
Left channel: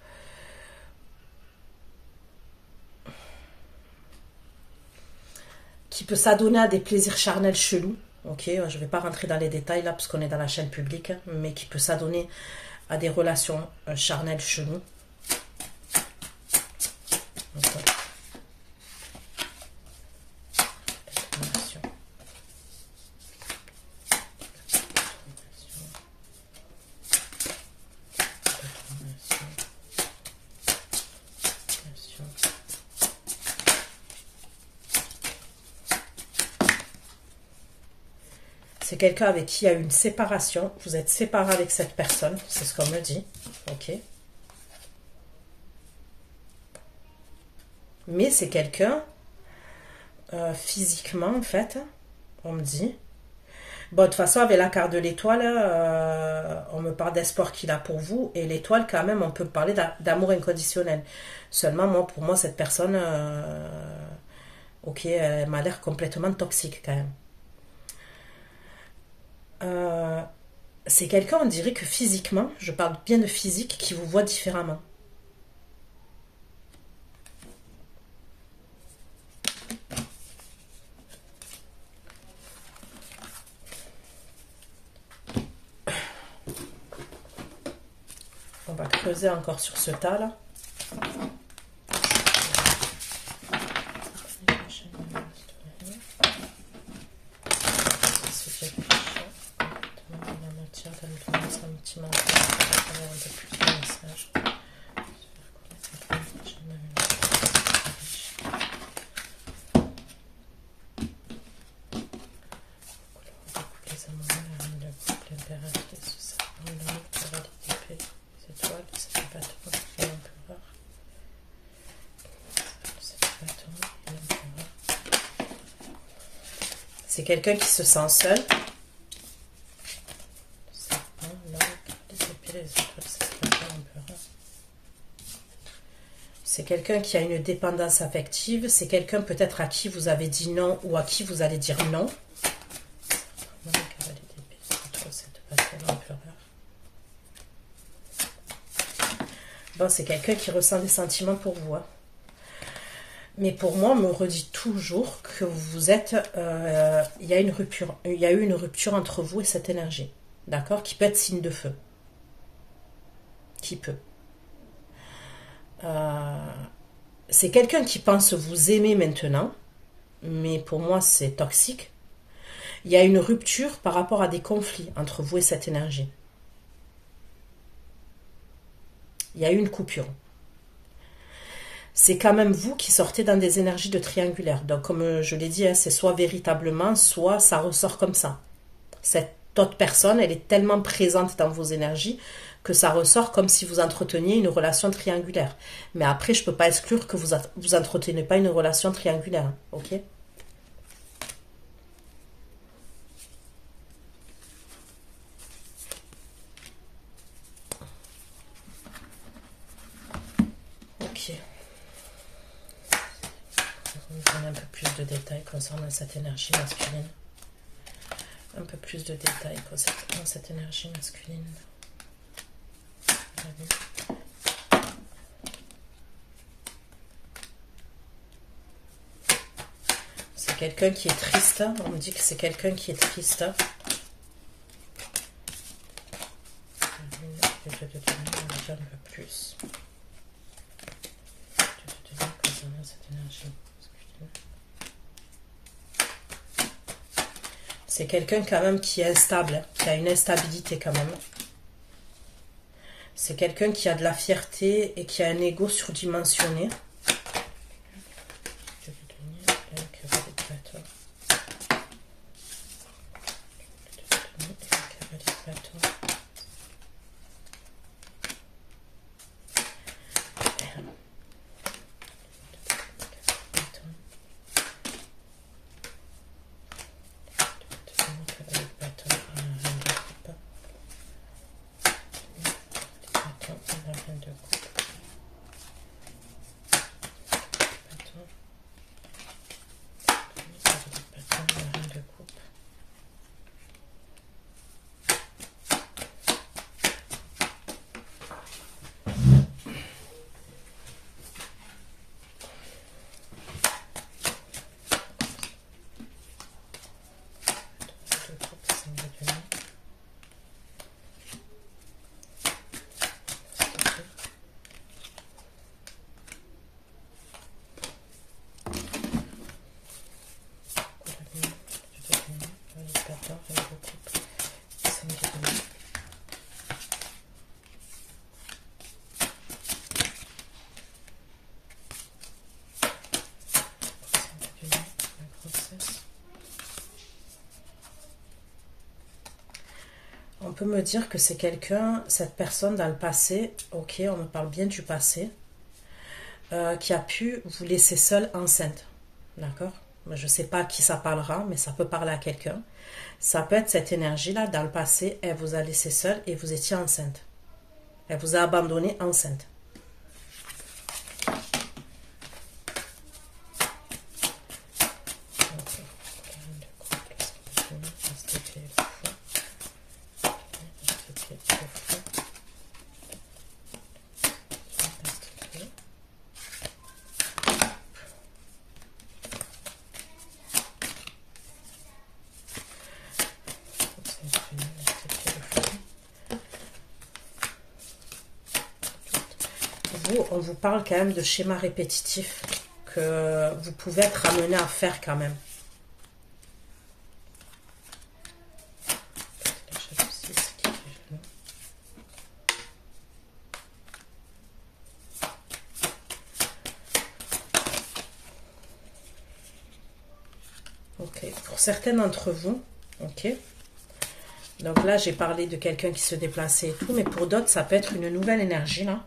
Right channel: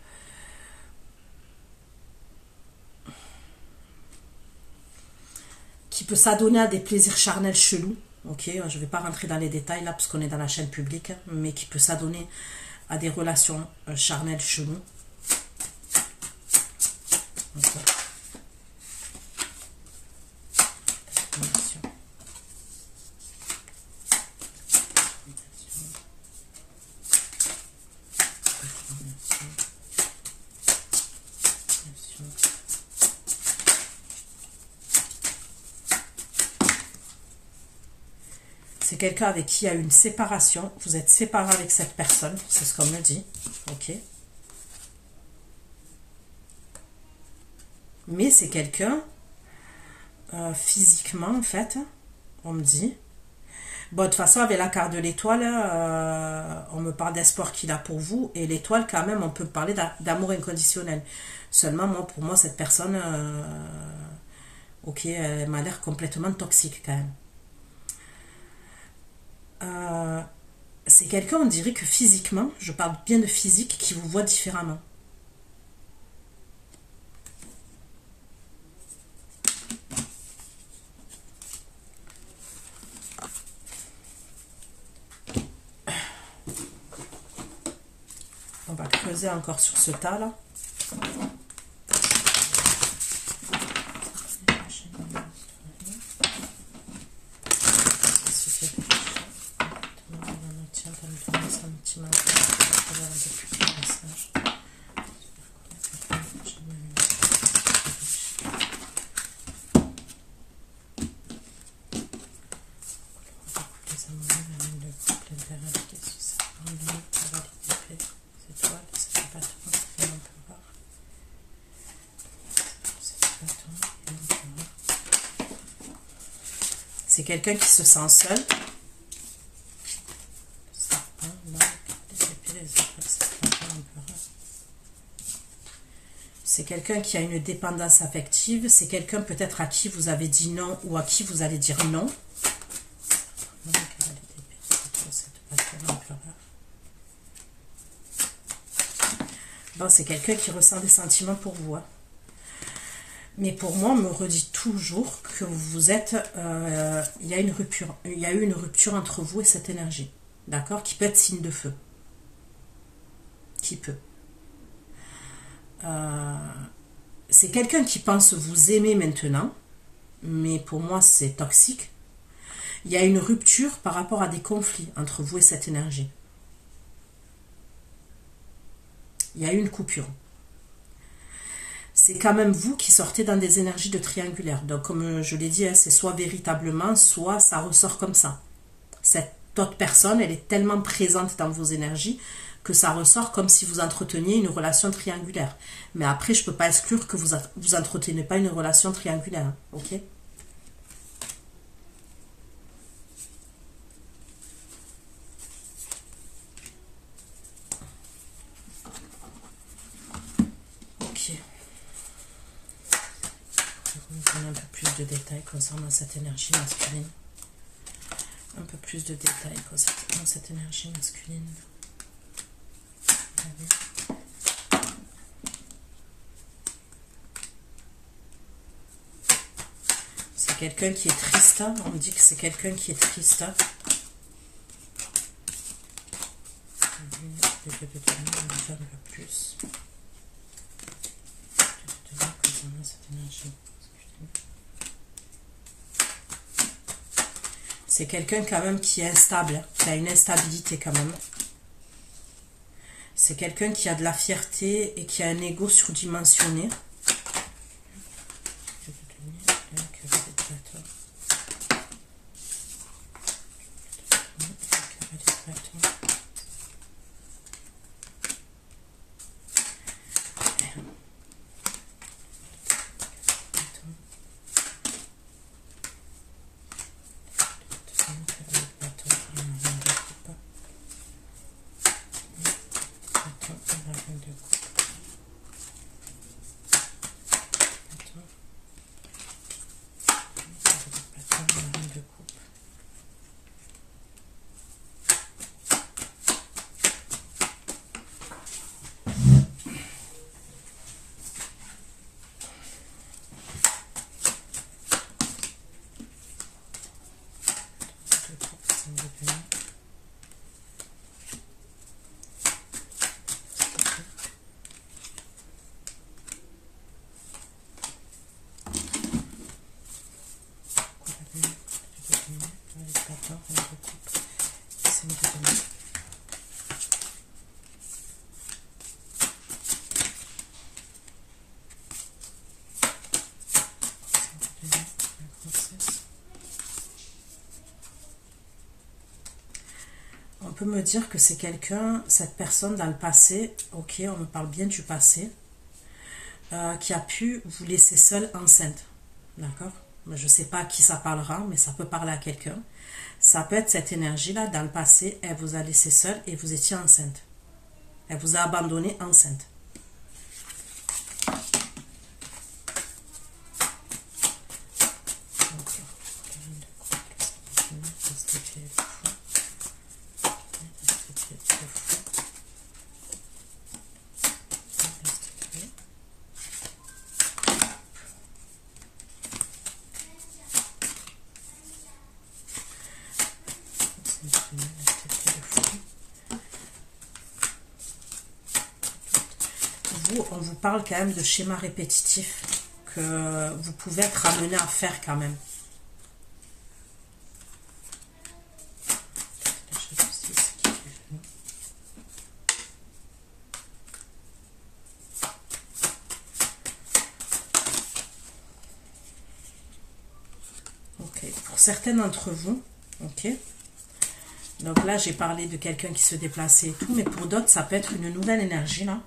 qui peut s'adonner à des plaisirs charnels chelous. Ok, je ne vais pas rentrer dans les détails là, puisqu'on est dans la chaîne publique. Mais qui peut s'adonner à des relations charnelles chelous. Okay. C'est quelqu'un avec qui il y a eu une séparation. Vous êtes séparé avec cette personne. C'est ce qu'on me dit. Ok. Mais c'est quelqu'un, physiquement, en fait, on me dit. Bon, de toute façon, avec la carte de l'étoile, on me parle d'espoir qu'il a pour vous. Et l'étoile, quand même, on peut parler d'amour inconditionnel. Seulement, moi, pour moi, cette personne, ok, elle m'a l'air complètement toxique, quand même. C'est quelqu'un, on dirait que physiquement, je parle bien de physique, qui vous voit différemment. On va creuser encore sur ce tas là. C'est quelqu'un qui se sent seul. C'est quelqu'un qui a une dépendance affective. C'est quelqu'un peut-être à qui vous avez dit non ou à qui vous allez dire non. Bon, c'est quelqu'un qui ressent des sentiments pour vous. Hein. Mais pour moi, on me redit toujours que vous êtes... il y a une rupture. Il y a eu une rupture entre vous et cette énergie. D'accord? Qui peut être signe de feu. Qui peut. C'est quelqu'un qui pense vous aimer maintenant. Mais pour moi, c'est toxique. Il y a une rupture par rapport à des conflits entre vous et cette énergie. Il y a eu une coupure. C'est quand même vous qui sortez dans des énergies de triangulaire. Donc, comme je l'ai dit, hein, c'est soit véritablement, soit ça ressort comme ça. Cette autre personne, elle est tellement présente dans vos énergies que ça ressort comme si vous entreteniez une relation triangulaire. Mais après, je ne peux pas exclure que vous entretenez pas une relation triangulaire. Hein, ok ? Un peu plus de détails concernant cette énergie masculine. Un peu plus de détails concernant cette énergie masculine. C'est quelqu'un qui est triste. On me dit que c'est quelqu'un qui est triste. Un peu plus. Concernant cette énergie. C'est quelqu'un quand même qui est instable, qui a une instabilité quand même. C'est quelqu'un qui a de la fierté et qui a un ego surdimensionné. On peut me dire que c'est quelqu'un, cette personne dans le passé, ok, on me parle bien du passé, qui a pu vous laisser seule enceinte, d'accord? Je ne sais pas à qui ça parlera, mais ça peut parler à quelqu'un. Ça peut être cette énergie-là, dans le passé, elle vous a laissé seule et vous étiez enceinte. Elle vous a abandonné enceinte. On vous parle quand même de schémas répétitifs que vous pouvez être amené à faire quand même. Ok, pour certains d'entre vous, ok. Donc là, j'ai parlé de quelqu'un qui se déplaçait et tout, mais pour d'autres, ça peut être une nouvelle énergie là.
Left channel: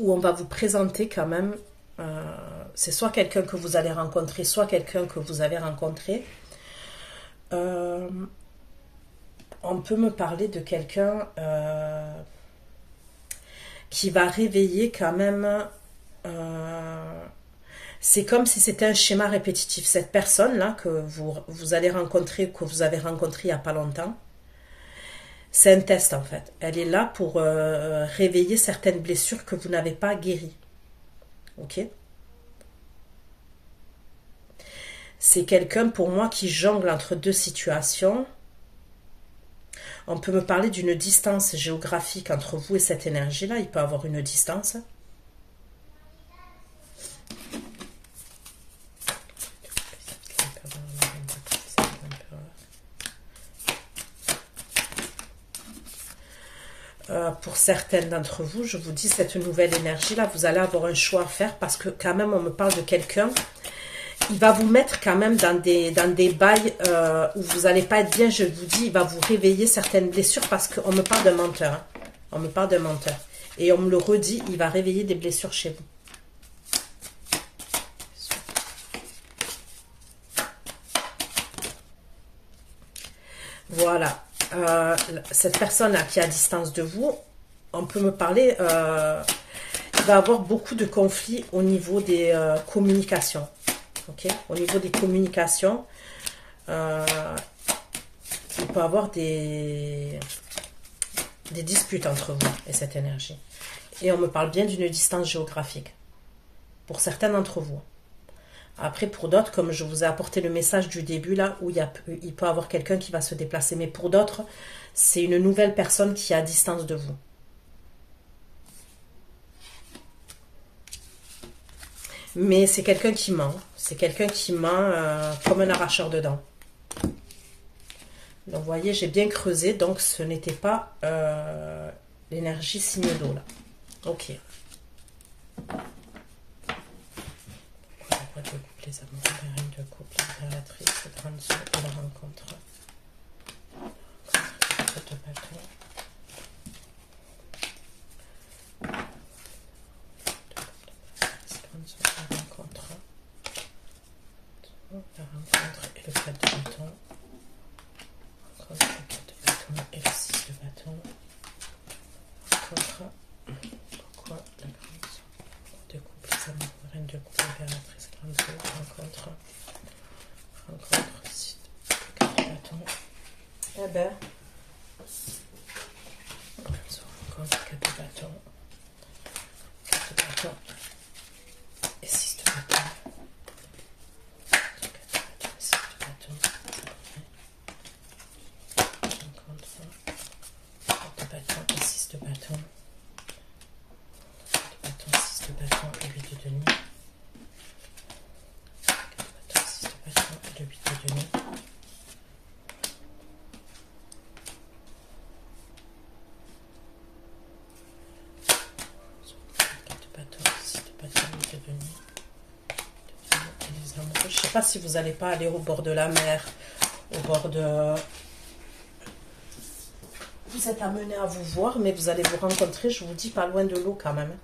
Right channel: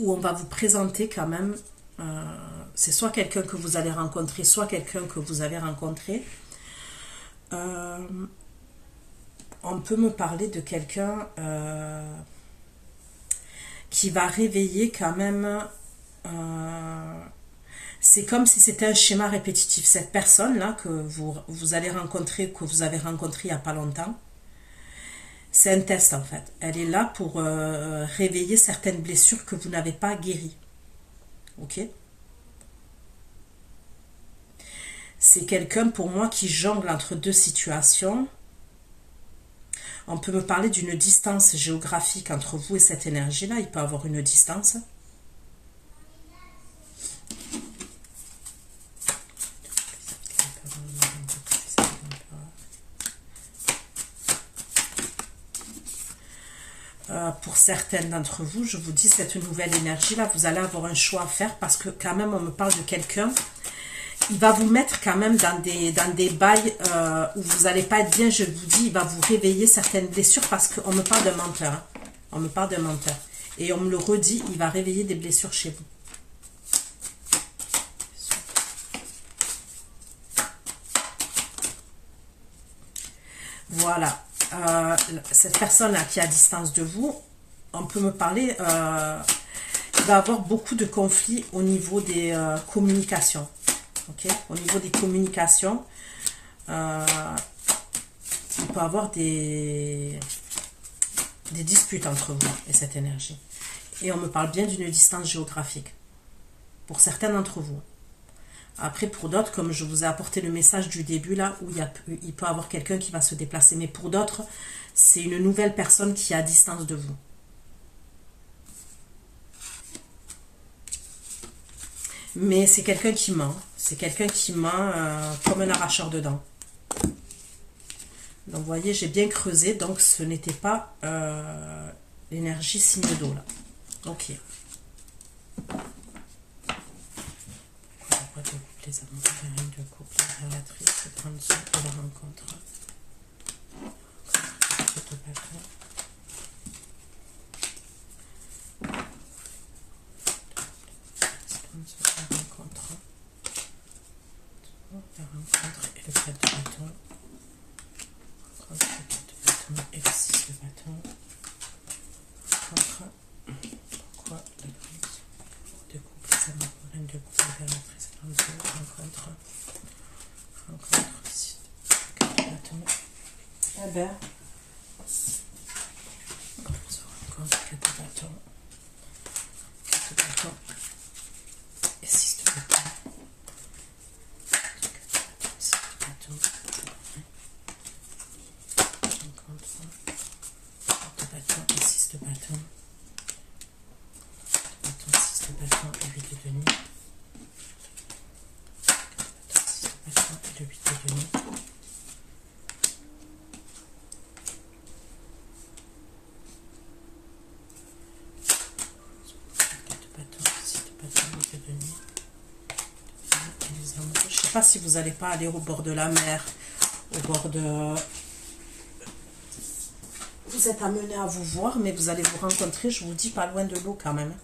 Où on va vous présenter quand même c'est soit quelqu'un que vous allez rencontrer, soit quelqu'un que vous avez rencontré. On peut me parler de quelqu'un qui va réveiller quand même... c'est comme si c'était un schéma répétitif. Cette personne-là que vous allez rencontrer, que vous avez rencontré il n'y a pas longtemps, c'est un test en fait. Elle est là pour réveiller certaines blessures que vous n'avez pas guéries. Ok? C'est quelqu'un pour moi qui jongle entre deux situations. On peut me parler d'une distance géographique entre vous et cette énergie-là. Il peut y avoir une distance. Pour certaines d'entre vous, je vous dis, cette nouvelle énergie-là, vous allez avoir un choix à faire parce que quand même, on me parle de quelqu'un. Il va vous mettre quand même dans des bails où vous n'allez pas être bien, je vous dis, il va vous réveiller certaines blessures parce qu'on me parle d'un menteur. Hein. On me parle d'un menteur. Et on me le redit, il va réveiller des blessures chez vous. Voilà. Cette personne-là qui est à distance de vous, on peut me parler, il va avoir beaucoup de conflits au niveau des communications. Okay? Au niveau des communications, il peut y avoir des disputes entre vous et cette énergie. Et on me parle bien d'une distance géographique, pour certains d'entre vous. Après, pour d'autres, comme je vous ai apporté le message du début, là, où il peut y avoir quelqu'un qui va se déplacer. Mais pour d'autres, c'est une nouvelle personne qui est à distance de vous. Mais c'est quelqu'un qui ment. C'est quelqu'un qui ment comme un arracheur de dents. Donc, vous voyez, j'ai bien creusé. Donc, ce n'était pas l'énergie signe d'eau, là. Ok. Les amours, les règnes de couple, les relatrices, les grandes sœurs de la rencontre. La rencontre et le 4 de bâton. Le 4 de bâton et le 6 de bâton. Rencontre. Pourquoi le prince de couple, les amours, reine de couple, impératrice, grande sœur, rencontre. Rencontre, 6 de bâton. Eh ben. Rencontre, 4 de bâton. 4 de bâton. Et 6 de bâton. Pas si vous n'allez pas aller au bord de la mer, au bord de... Vous êtes amené à vous voir, mais vous allez vous rencontrer, je vous dis, pas loin de l'eau quand même.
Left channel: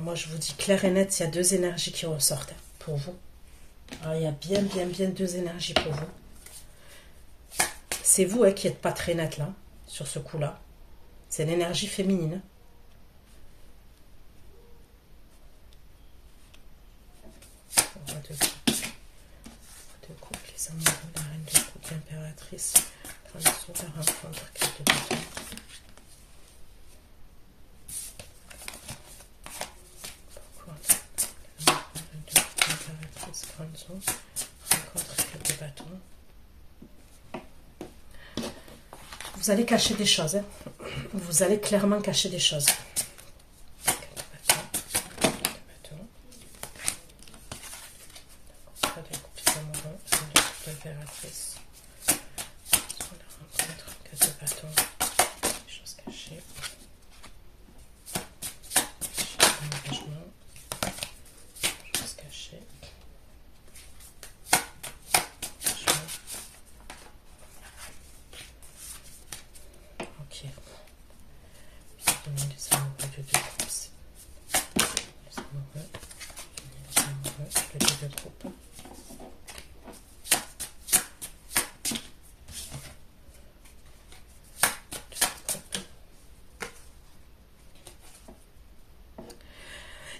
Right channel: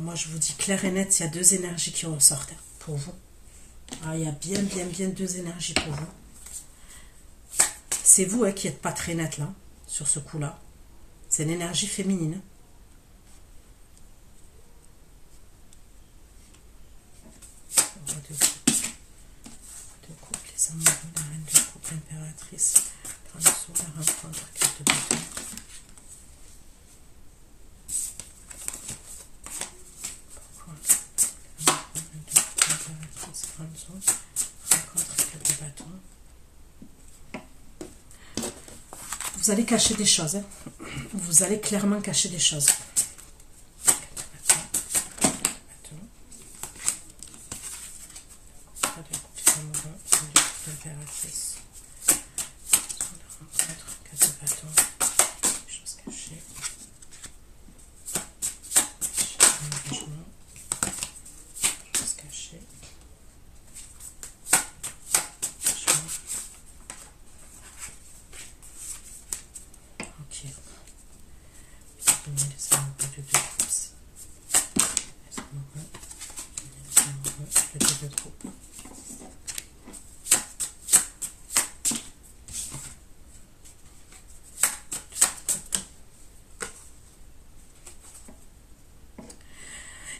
Moi, je vous dis clair et net, il y a deux énergies qui ressortent pour vous. Alors, il y a bien deux énergies pour vous. C'est vous qui n'êtes pas très net là, sur ce coup-là. C'est l'énergie féminine. De couple, les amoureux, la reine de couple, l'impératrice, Vous allez cacher des choses, hein. Vous allez clairement cacher des choses.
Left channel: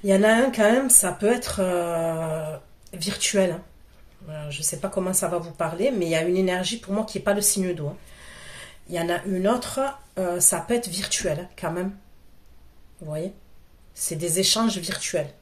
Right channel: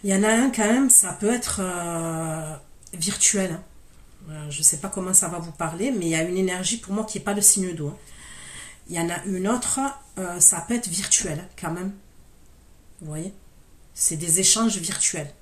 Il y en a un quand même, ça peut être virtuel. Hein. Je ne sais pas comment ça va vous parler, mais il y a une énergie pour moi qui n'est pas le signe d'eau. Hein. Il y en a une autre, ça peut être virtuel hein, quand même. Vous voyez? C'est des échanges virtuels.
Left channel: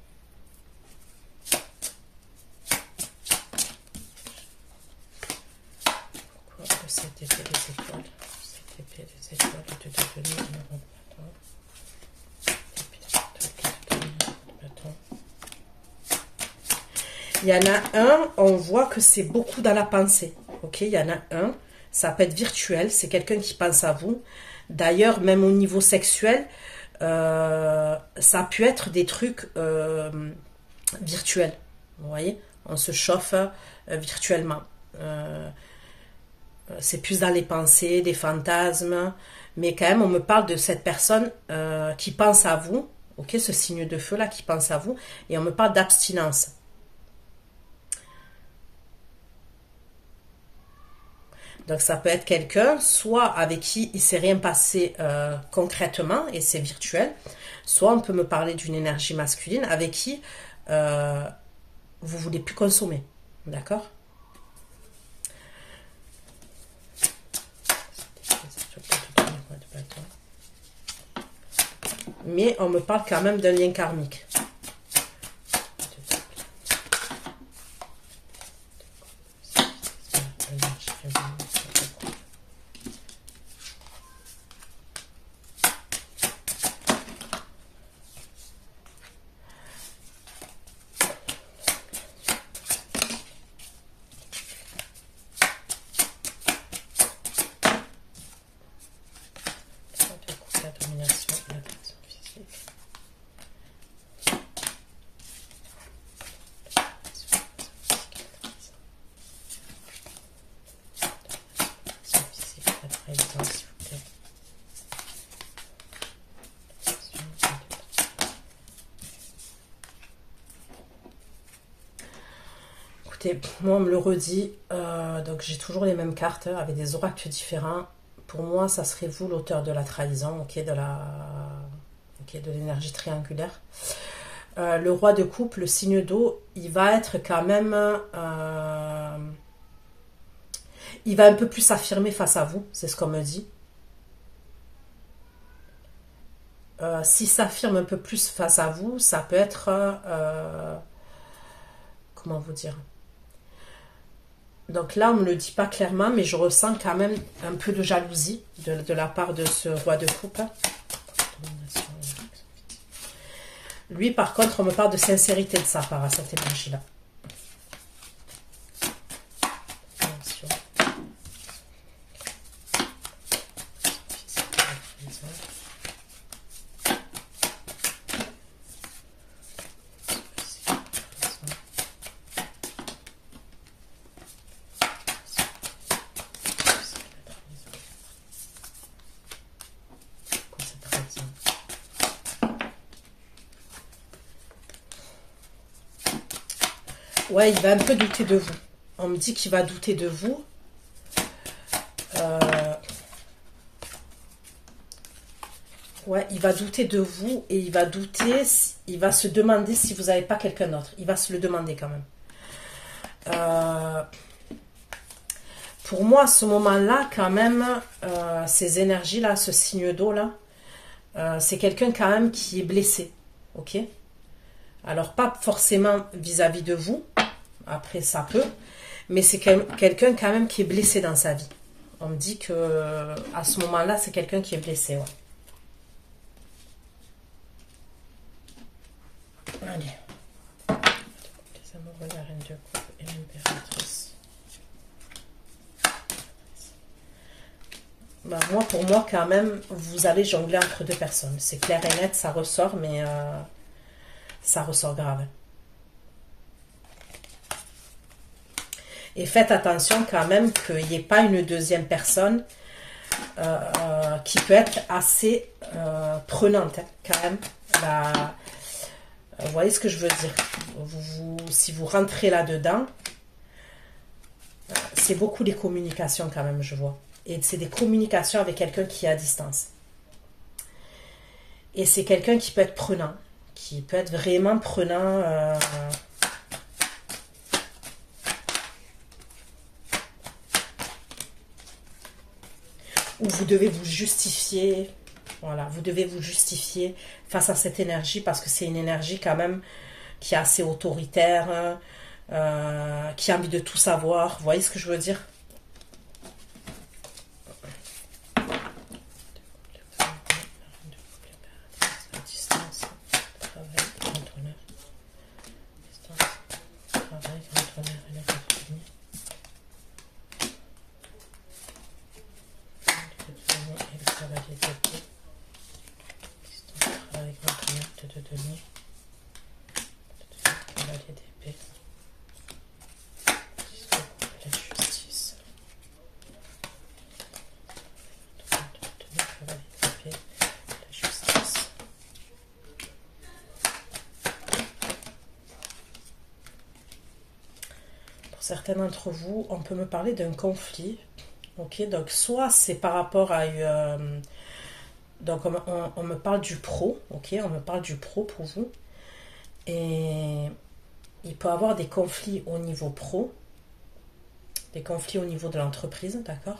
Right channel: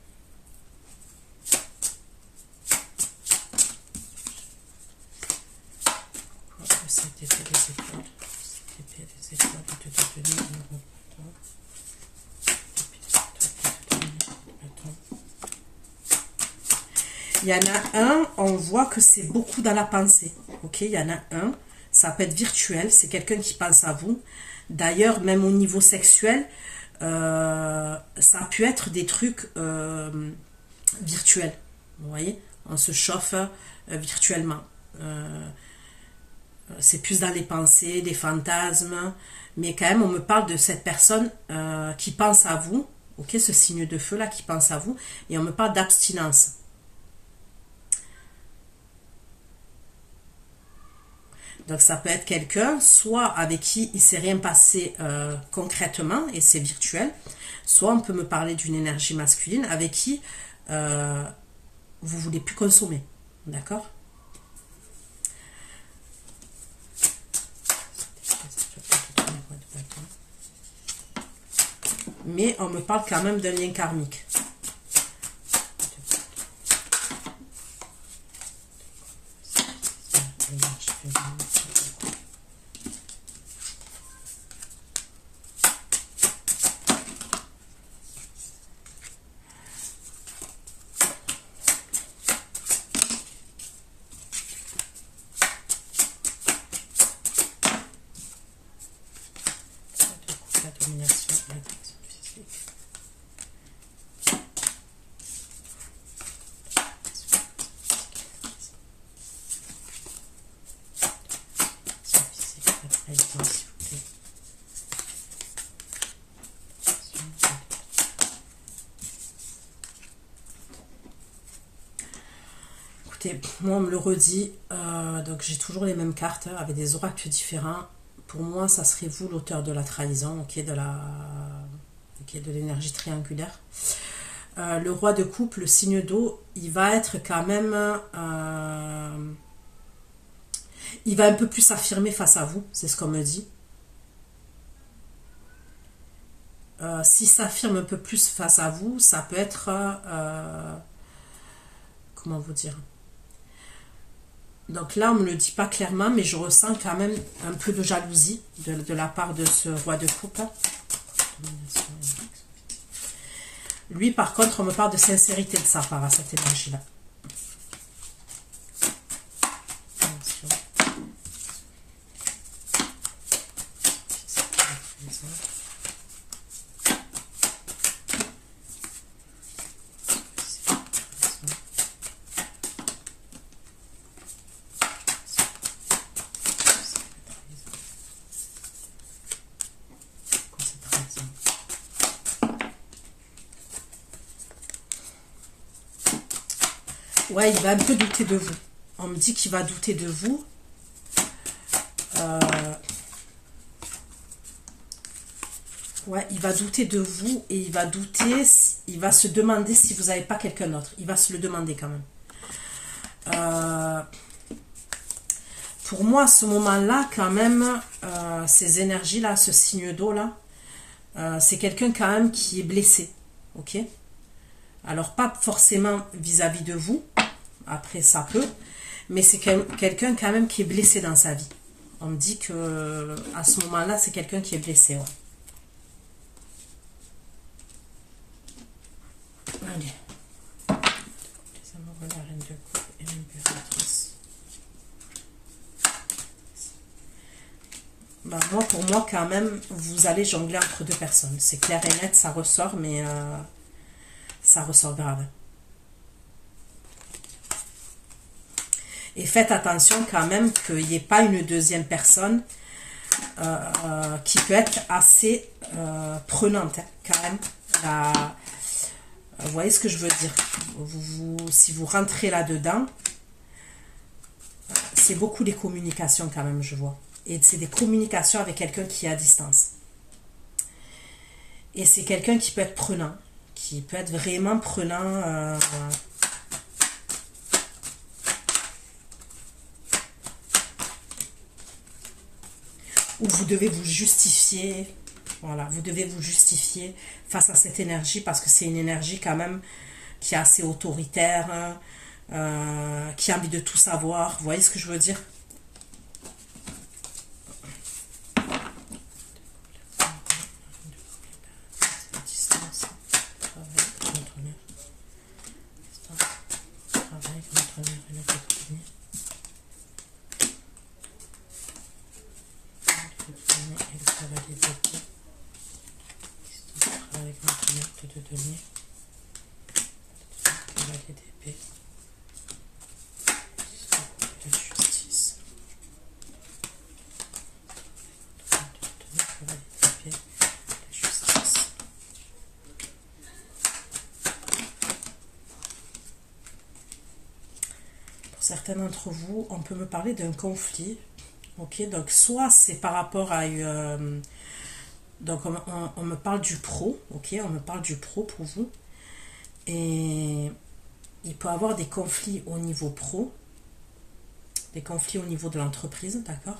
Il y en a un, on voit que c'est beaucoup dans la pensée. Ok, il y en a un, ça peut être virtuel, c'est quelqu'un qui pense à vous. D'ailleurs, même au niveau sexuel, ça peut être des trucs virtuels. Vous voyez, on se chauffe virtuellement. C'est plus dans les pensées, des fantasmes. Mais quand même, on me parle de cette personne qui pense à vous. Ok, ce signe de feu là qui pense à vous. Et on me parle d'abstinence. Donc ça peut être quelqu'un, soit avec qui il ne s'est rien passé concrètement et c'est virtuel, soit on peut me parler d'une énergie masculine avec qui vous ne voulez plus consommer. D'accord? Mais on me parle quand même d'un lien karmique. Moi, on me le redit, donc j'ai toujours les mêmes cartes avec des oracles différents. Pour moi, ça serait vous l'auteur de la trahison, ok, de l'énergie triangulaire. Le roi de coupe, le signe d'eau, il va être quand même, il va un peu plus s'affirmer face à vous, c'est ce qu'on me dit. S'il s'affirme un peu plus face à vous, ça peut être, comment vous dire? Donc là, on ne me le dit pas clairement, mais je ressens quand même un peu de jalousie de la part de ce roi de coupe. Lui, par contre, on me parle de sincérité de sa part à cette énergie-là. Ouais, il va un peu douter de vous. On me dit qu'il va douter de vous. Ouais, il va douter de vous et il va douter, il va se demander si vous n'avez pas quelqu'un d'autre. Il va se le demander quand même. Pour moi, à ce moment-là, quand même, ces énergies-là, ce signe d'eau-là, c'est quelqu'un quand même qui est blessé. Ok? Alors, pas forcément vis-à-vis de vous. Après, ça peut. Mais c'est quelqu'un quand même qui est blessé dans sa vie. On me dit que à ce moment-là, c'est quelqu'un qui est blessé. Ouais. Allez. Les amoureux, la reine de coupe et l'impératrice. Bah, pour moi, quand même, vous allez jongler entre deux personnes. C'est clair et net, ça ressort, mais ça ressort grave. Et faites attention quand même qu'il n'y ait pas une deuxième personne qui peut être assez prenante, hein, quand même. Vous voyez ce que je veux dire? Si vous rentrez là-dedans, c'est beaucoup les communications quand même, je vois. Et c'est des communications avec quelqu'un qui est à distance. Et c'est quelqu'un qui peut être prenant, qui peut être vraiment prenant. Où vous devez vous justifier. Voilà, vous devez vous justifier face à cette énergie parce que c'est une énergie quand même qui est assez autoritaire, qui a envie de tout savoir. Vous voyez ce que je veux dire? Certains d'entre vous, on peut me parler d'un conflit. Ok, donc soit c'est par rapport à donc on me parle du pro, ok, on me parle du pro pour vous. Et il peut y avoir des conflits au niveau pro, des conflits au niveau de l'entreprise, d'accord?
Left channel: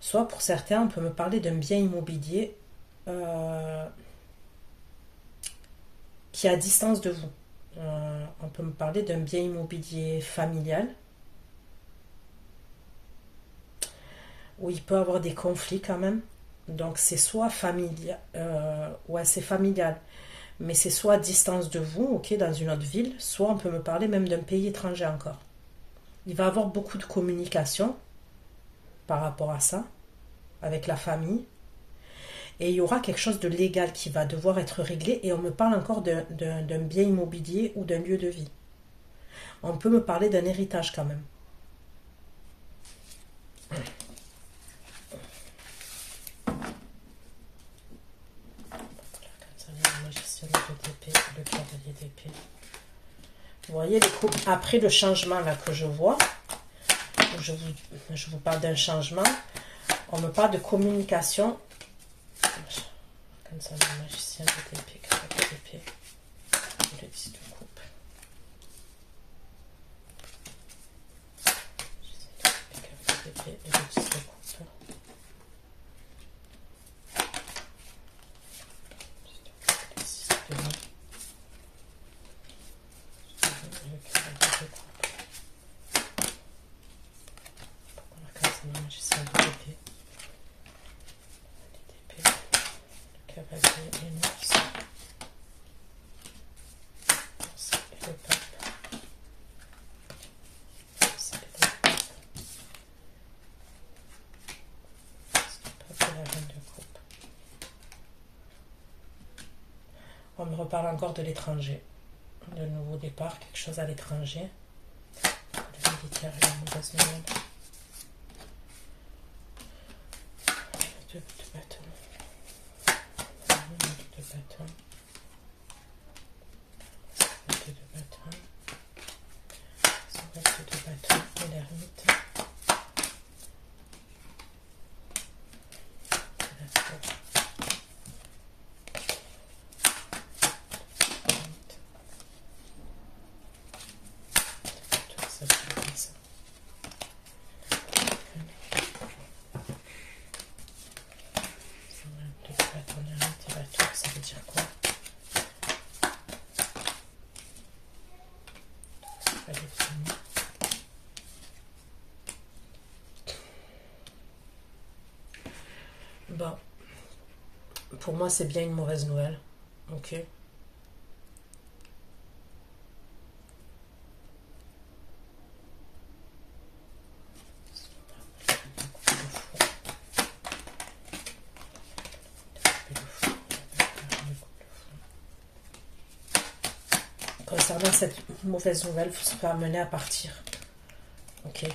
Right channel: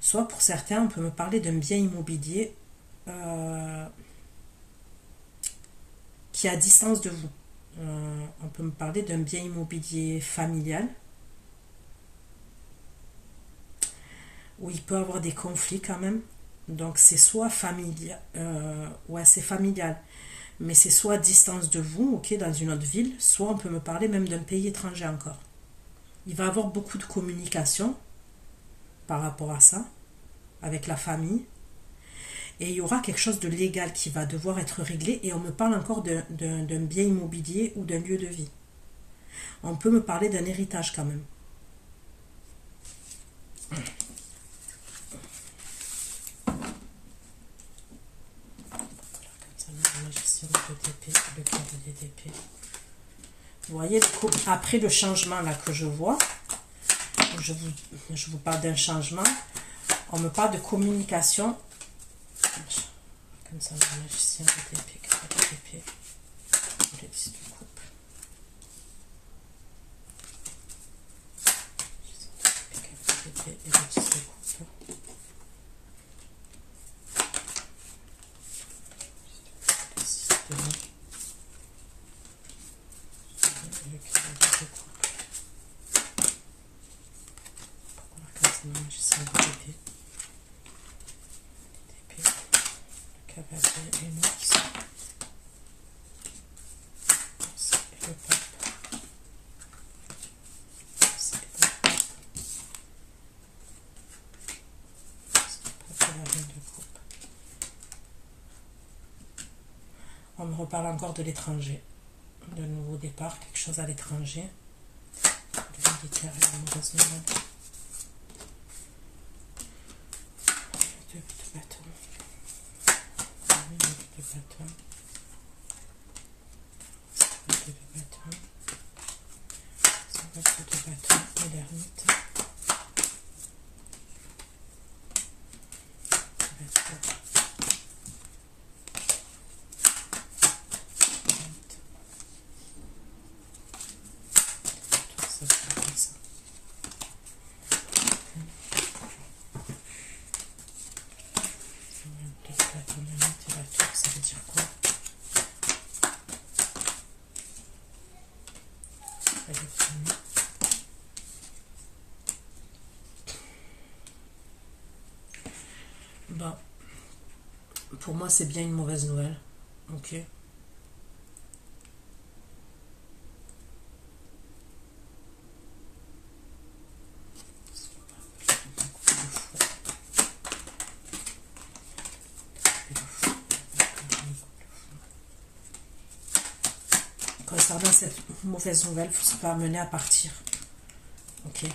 Soit pour certains, on peut me parler d'un bien immobilier qui est à distance de vous. On peut me parler d'un bien immobilier familial où il peut avoir des conflits quand même. Donc c'est soit familial, ouais c'est familial, mais c'est soit à distance de vous, ok, dans une autre ville, soit on peut me parler même d'un pays étranger encore. Il va y avoir beaucoup de communication par rapport à ça, avec la famille. Et il y aura quelque chose de légal qui va devoir être réglé. Et on me parle encore d'un bien immobilier ou d'un lieu de vie. On peut me parler d'un héritage quand même. Vous voyez, après le changement là que je vois, je vous parle d'un changement, on me parle de communication. Comme ça, le magicien de l'épée, cavalier d'épée, le 10 de coupe. Cavalier d'épée et le 10 de coupe. Le 6 de main. Le cavalier de coupe. Comme ça, le magicien de l'épée. Cavalier et Mars. C'est le pape. C'est le pape. C'est le pape et la reine de coupe. On me reparle encore de l'étranger. De nouveau départ, quelque chose à l'étranger. Le militaire et la mauvaise nouvelle. De bâton. De bâton. De bâton. De bâton. Et l'ermite. Pour moi, c'est bien une mauvaise nouvelle. Ok. Concernant cette mauvaise nouvelle, ça peut amener à partir. Ok.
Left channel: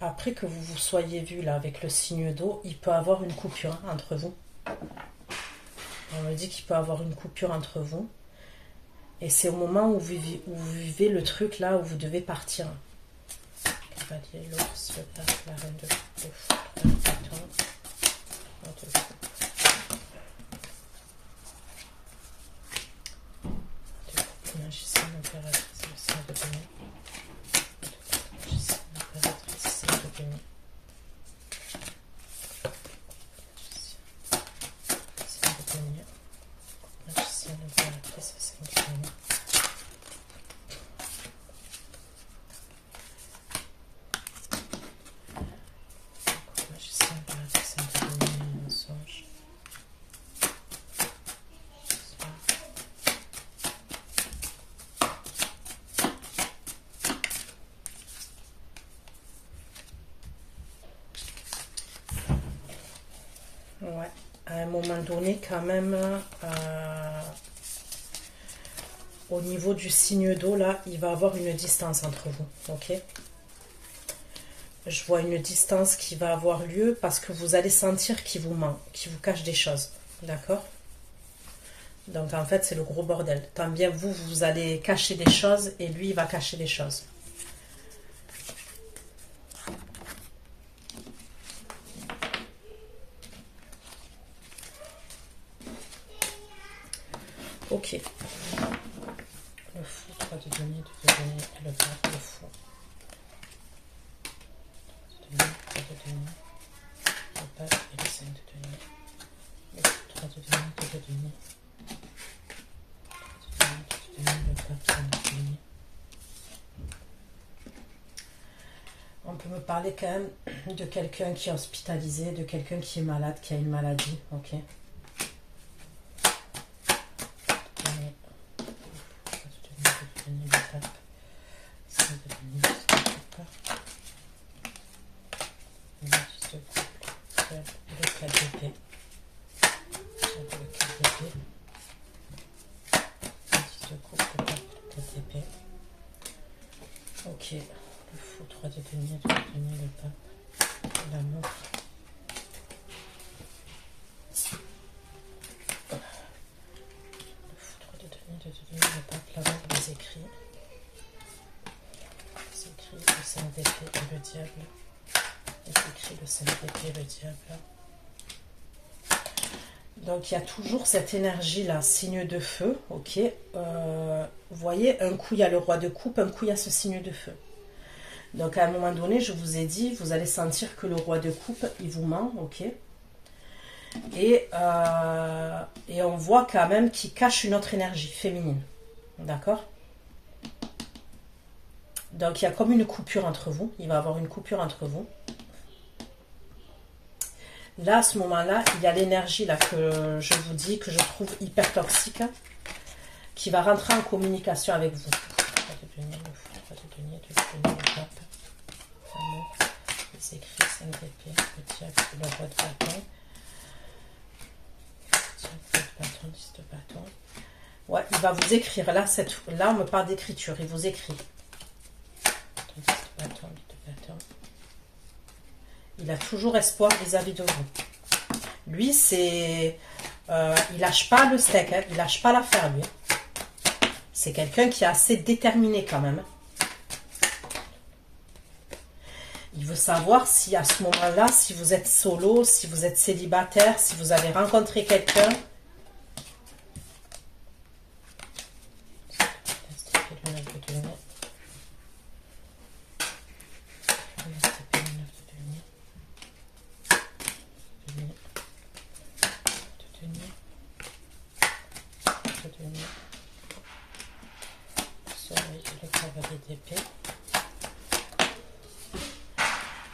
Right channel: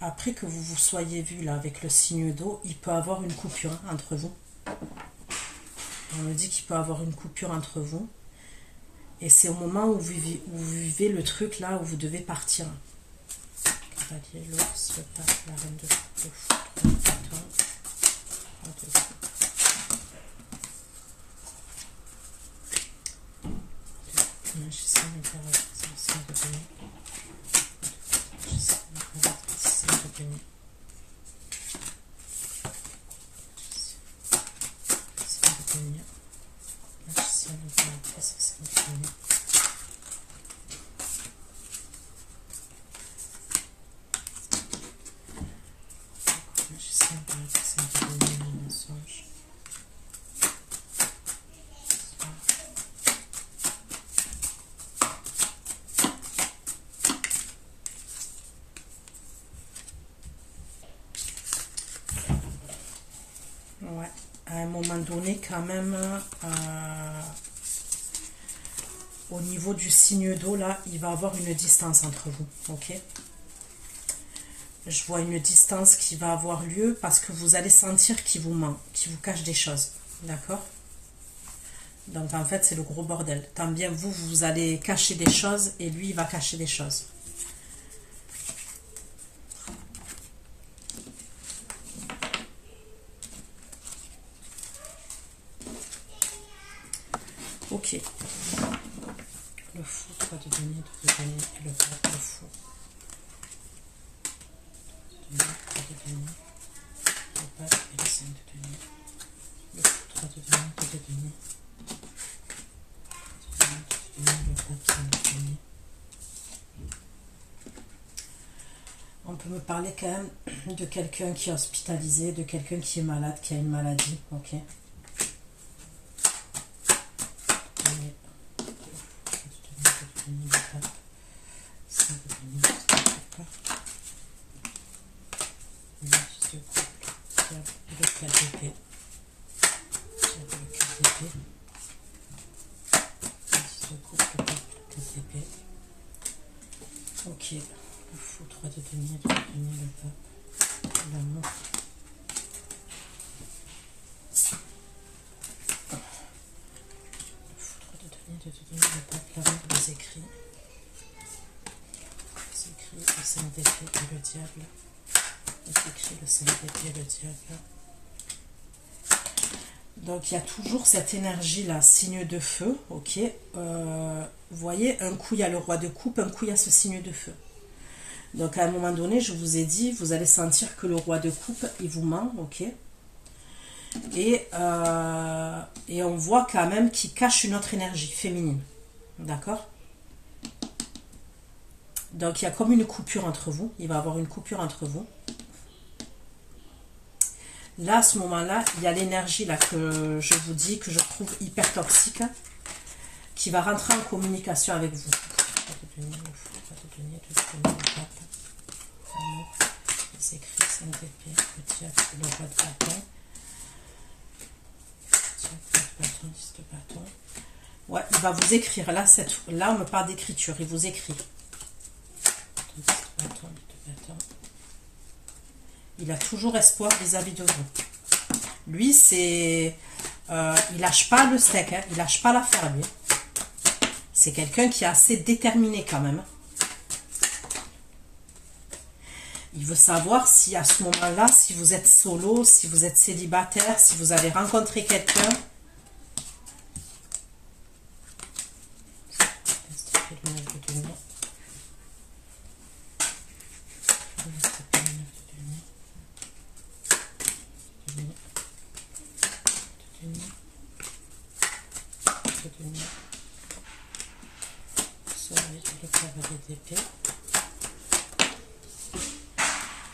Après que vous vous soyez vu là avec le signe d'eau, il peut y avoir une coupure entre vous. On me dit qu'il peut y avoir une coupure entre vous. Et c'est au moment où vous vivez le truc là où vous devez partir. Cavalier, l'ours, le pape, la reine de coupe, le foudre, le magicien, l'impératrice, le de donner. Ouais, à un moment donné, quand même, au niveau du signe d'eau, là, il va y avoir une distance entre vous, ok? Je vois une distance qui va avoir lieu parce que vous allez sentir qu'il vous ment, qu'il vous cache des choses, d'accord? Donc, en fait, c'est le gros bordel. Tant bien, vous allez cacher des choses et lui, il va cacher des choses. Ok. Le fou, 3 de denier, 2 de denier, et le pape, le fou. 3 de denier, le pape et le 5 de denier. Le fou, 3 de denier, 2 de denier. 3 de denier, 2 de denier, le pape, 5 de denier. On peut me parler quand même de quelqu'un qui est hospitalisé, de quelqu'un qui est malade, qui a une maladie, ok? denier, le pape, l'amour. Le foudre de denier, le pape, l'amour, les écrits. Les écrits, le 5 d'épée et le diable. Les écrits, le 5 d'épée et le diable. Donc, il y a toujours cette énergie-là, signe de feu, ok. Vous voyez, un coup, il y a le roi de coupe, un coup, il y a ce signe de feu. Donc, à un moment donné, je vous ai dit, vous allez sentir que le roi de coupe, il vous ment, ok. Et on voit quand même qu'il cache une autre énergie féminine, d'accord. Donc, il y a comme une coupure entre vous, il va y avoir une coupure entre vous. Là, à ce moment-là, il y a l'énergie là que je vous dis, que je trouve hyper toxique, qui va rentrer en communication avec vous. Les écrits, 5 d'épée, le diable, le roi de bâton. Bâton, 10 de bâton. Ouais, il va vous écrire. Là, on me parle d'écriture. Il vous écrit. 10 de bâton, 10 de bâton. Il a toujours espoir vis-à-vis de vous. Lui, c'est... il lâche pas le steak, hein, il lâche pas l'affaire, lui. C'est quelqu'un qui est assez déterminé quand même. Il veut savoir si à ce moment-là, si vous êtes solo, si vous êtes célibataire, si vous avez rencontré quelqu'un.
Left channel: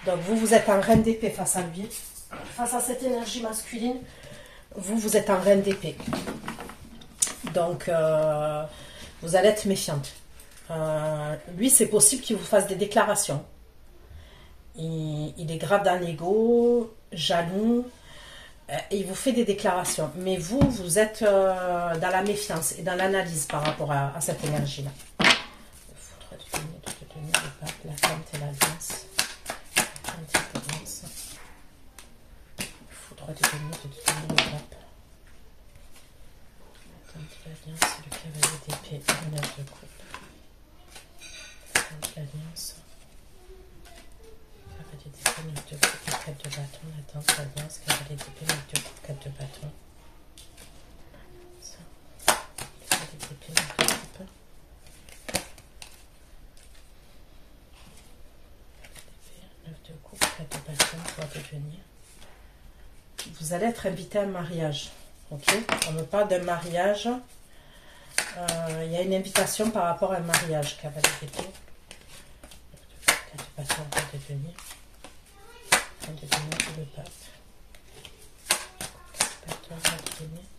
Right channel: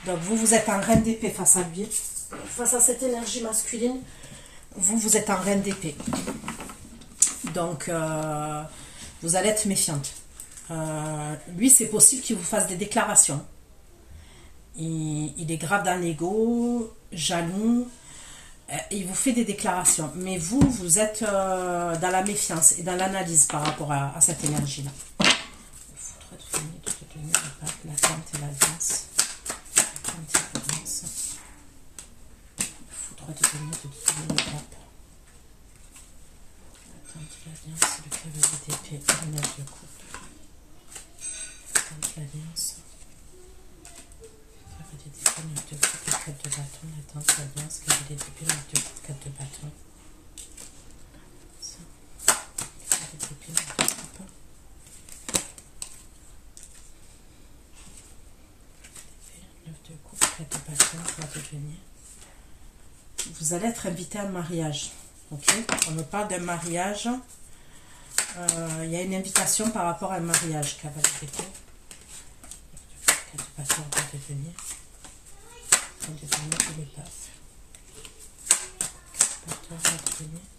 Donc vous êtes en reine d'épée face à lui, face à cette énergie masculine, vous êtes en reine d'épée. Donc vous allez être méfiante. Lui, c'est possible qu'il vous fasse des déclarations. Il est grave dans l'ego, jaloux, et il vous fait des déclarations. Mais vous êtes dans la méfiance et dans l'analyse par rapport à cette énergie-là. Il faudrait te donner la tente et l'alliance. Il faudrait te donner le pape. L'alliance, le cavalier d'épée, le 9 de coupe. L'alliance. Cavalier d'épée, 9 de coupe, 4 de bâton, la tente, l'alliance, cavalier d'épée, 9 de coupe, 4 de bâton. Ça. Cavalier d'épée, 9 de coupe. Épée, 9 de coupe, 4 de bâton, pour devenir. Vous allez être invité à un mariage. Ok, on me parle d'un mariage. Il y a une invitation par rapport à un mariage, cavalier d'épée. 4 de bâton, pour devenir. On devient le pape. 4 de bâton, pour devenir.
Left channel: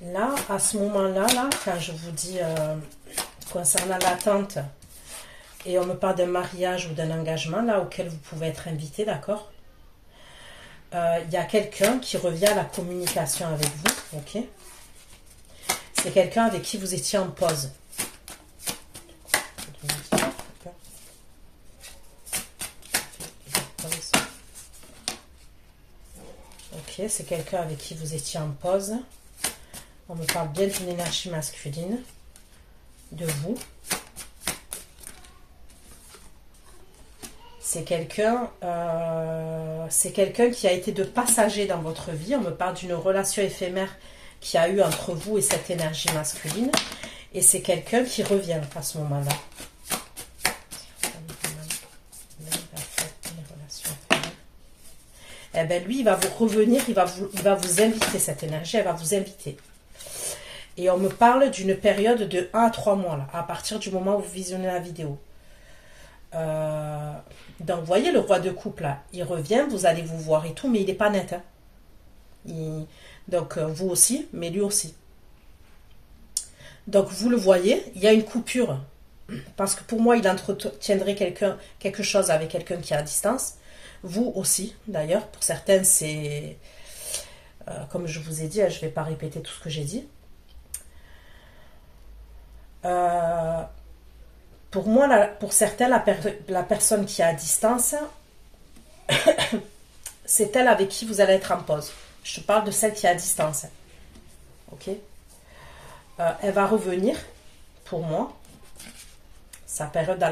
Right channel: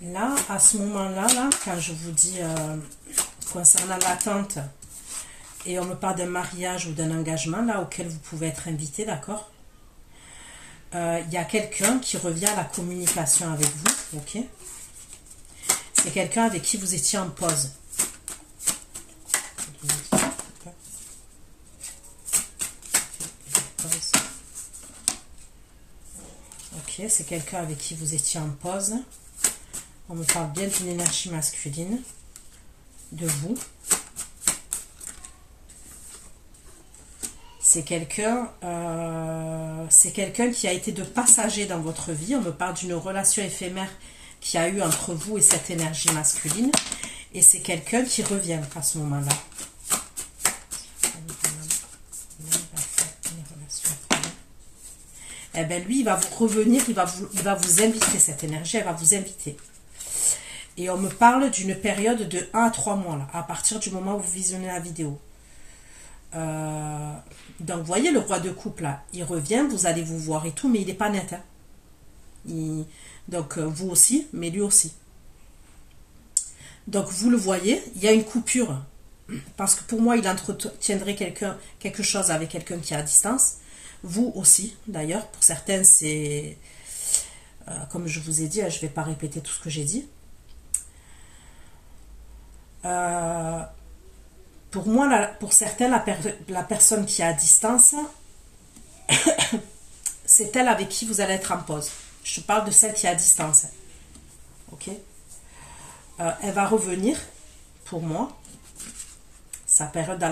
Là, à ce moment-là, quand je vous dis concernant l'attente et on me parle d'un mariage ou d'un engagement là auquel vous pouvez être invité, d'accord, il y a quelqu'un qui revient à la communication avec vous, ok. C'est quelqu'un avec qui vous étiez en pause. Ok, c'est quelqu'un avec qui vous étiez en pause. On me parle bien d'une énergie masculine de vous. C'est quelqu'un qui a été de passager dans votre vie. On me parle d'une relation éphémère qui a eu entre vous et cette énergie masculine. Et c'est quelqu'un qui revient à ce moment-là. Eh bien, lui, il va vous revenir, il va vous inviter, cette énergie, elle va vous inviter. Et on me parle d'une période de 1 à 3 mois, là, à partir du moment où vous visionnez la vidéo. Donc, vous voyez le roi de coupe, là, il revient, vous allez vous voir et tout, mais il n'est pas net. Hein. Donc, vous aussi, mais lui aussi. Donc, vous le voyez, il y a une coupure. Parce que pour moi, il entretiendrait quelque chose avec quelqu'un qui est à distance. Vous aussi, d'ailleurs. Pour certaines, c'est... comme je vous ai dit, je ne vais pas répéter tout ce que j'ai dit. Pour moi, pour certains, la personne qui est à distance, c'est elle avec qui vous allez être en pause. Je parle de celle qui est à distance. Ok. Elle va revenir, pour moi. Ça peut être dans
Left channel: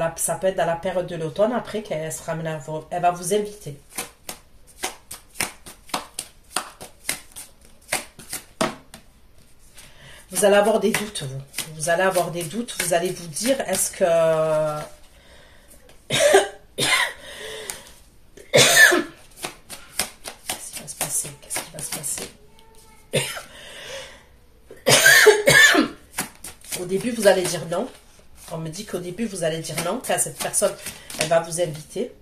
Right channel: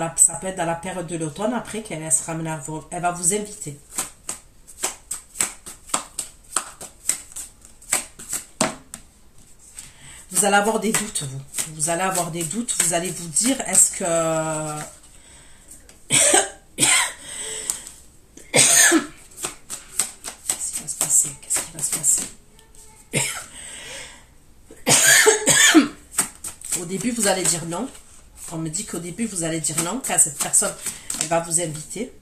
la période de l'automne, après qu'elle sera amenée à vous. Elle va vous inviter. Vous allez avoir des doutes, vous. Vous allez avoir des doutes. Vous allez vous dire, est-ce que... Qu'est-ce qui va se passer? Qu'est-ce qui va se passer? Au début, vous allez dire non. On me dit qu'au début, vous allez dire non, car cette personne, elle va vous inviter.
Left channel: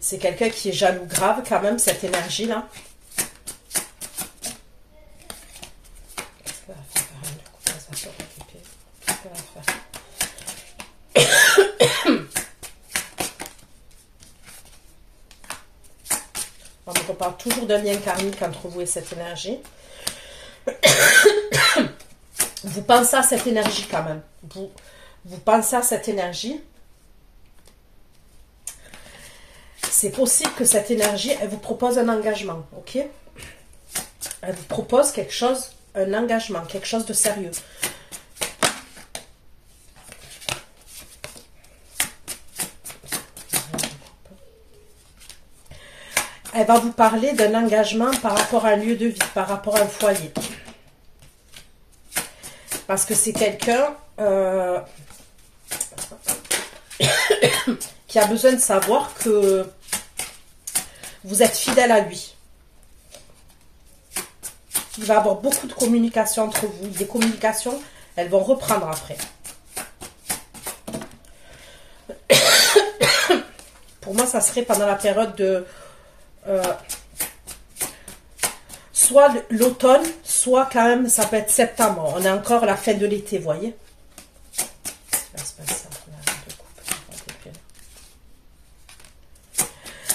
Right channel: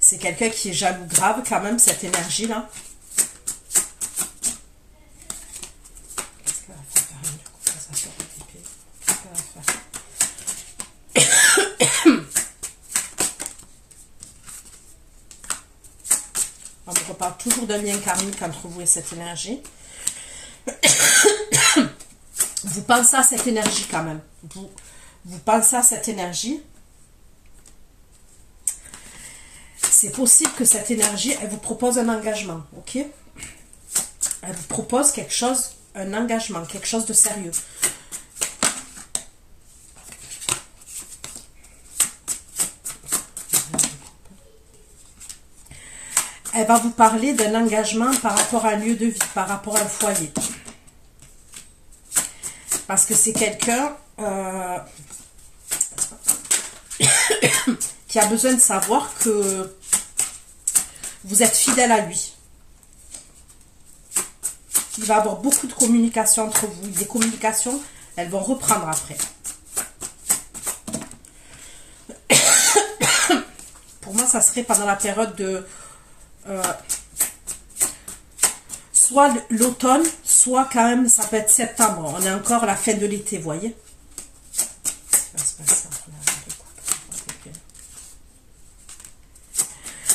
C'est quelqu'un qui est jaloux grave quand même, cette énergie-là. Qu'est-ce qu'elle va faire? Qu'est-ce qu'elle va faire? On reparle toujours d'un lien karmique entre vous et cette énergie. Vous pensez à cette énergie quand même. Vous pensez à cette énergie. C'est possible que cette énergie, elle vous propose un engagement, ok? Elle vous propose quelque chose, un engagement, quelque chose de sérieux. Elle va vous parler d'un engagement par rapport à un lieu de vie, par rapport à un foyer. Parce que c'est quelqu'un qui a besoin de savoir que vous êtes fidèle à lui. Il va y avoir beaucoup de communication entre vous. Des communications, elles vont reprendre après. Pour moi, ça serait pendant la période de... soit l'automne, soit quand même, ça peut être septembre. On est encore à la fin de l'été, vous voyez.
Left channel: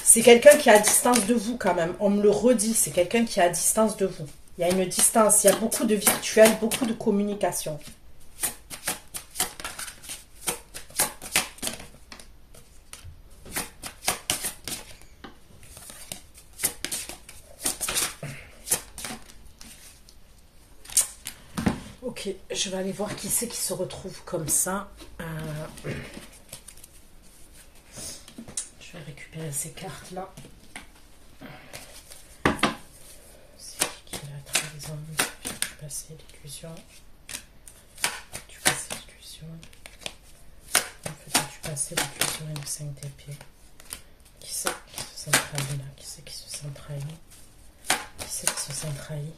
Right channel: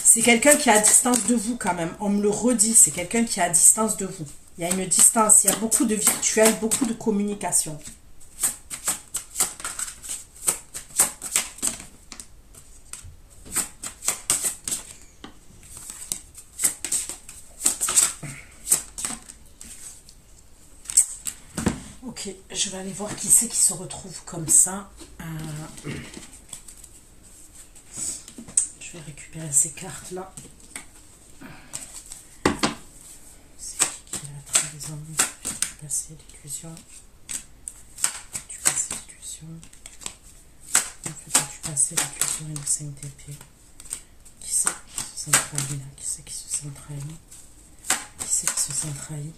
C'est quelqu'un qui est à distance de vous quand même. On me le redit, c'est quelqu'un qui est à distance de vous. Il y a une distance, il y a beaucoup de virtuel, beaucoup de communication. Ok, je vais aller voir qui c'est qui se retrouve comme ça. Je vais récupérer ces cartes-là. C'est qui va être les ennuis du passé, l'illusion. Du passé, l'illusion. En fait, du passé, l'illusion et le 5 d'épée. Qui c'est qui se sent trahi là? Qui c'est qui se sent trahi? Qui c'est qui se sent trahi?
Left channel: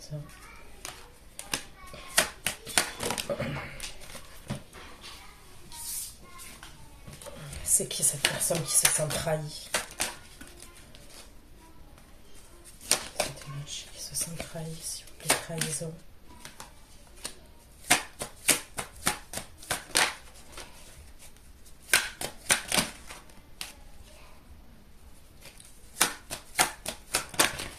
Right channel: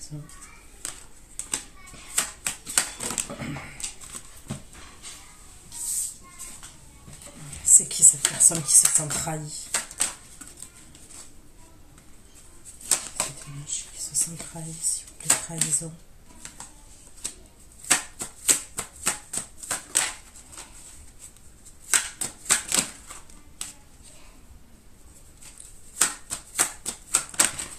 Ça. C'est qui cette personne qui se sent trahie? Cette énergie qui se sent trahie, s'il vous plaît, trahison.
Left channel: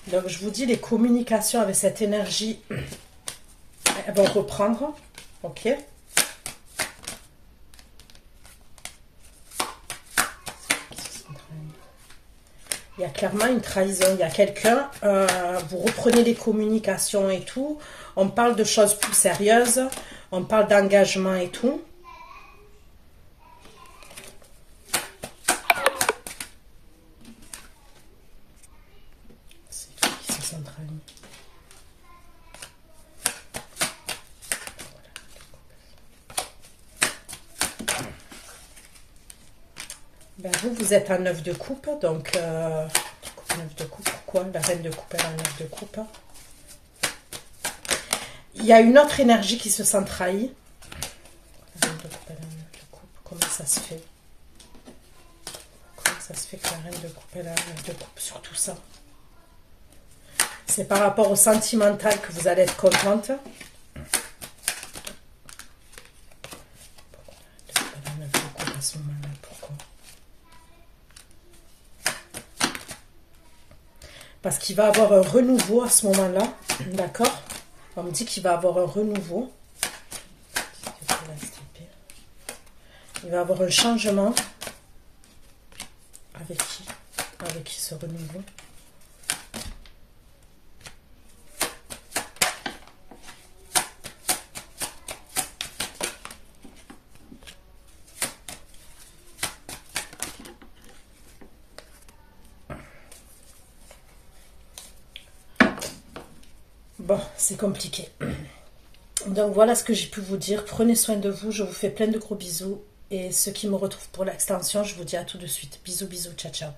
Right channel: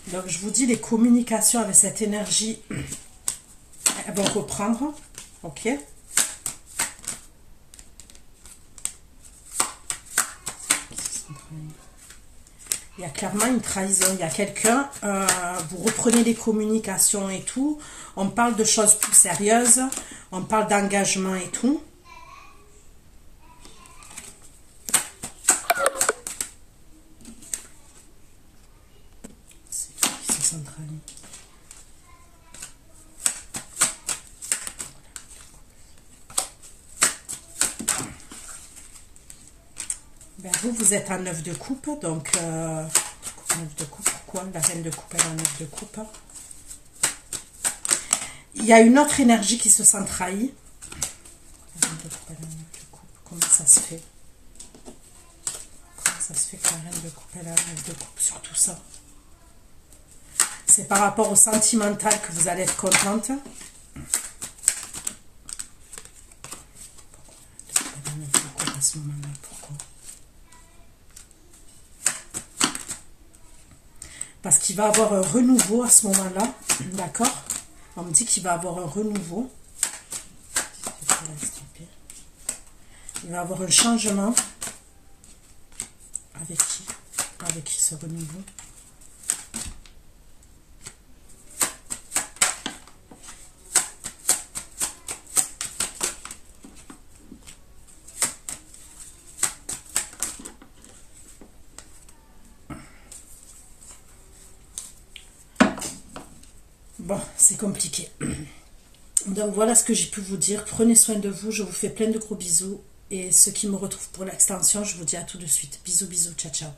Donc, je vous dis, les communications avec cette énergie, elles vont reprendre. Ok? Il y a clairement une trahison. Il y a quelqu'un, vous reprenez les communications et tout. On parle de choses plus sérieuses. On parle d'engagement et tout. Ben vous êtes en 9 de coupe, donc 9 de coupe, pourquoi la reine de coupe est en 9 de coupe? Il y a une autre énergie qui se sent trahie. La reine de coupe est en 9 de coupe. Comment ça se fait? Comment ça se fait que la reine de coupe est en 9 de coupe sur tout ça? C'est par rapport au sentimental que vous allez être contente. Pourquoi la reine de coupe à ce moment-là? Pourquoi? Parce qu'il va avoir un renouveau à ce moment-là. D'accord? On me dit qu'il va avoir un renouveau. Il va avoir un changement. Avec qui? Avec qui ce renouveau? Bon, c'est compliqué. Donc voilà ce que j'ai pu vous dire. Prenez soin de vous. Je vous fais plein de gros bisous. Et ceux qui me retrouvent pour l'extension, je vous dis à tout de suite. Bisous, bisous. Ciao, ciao.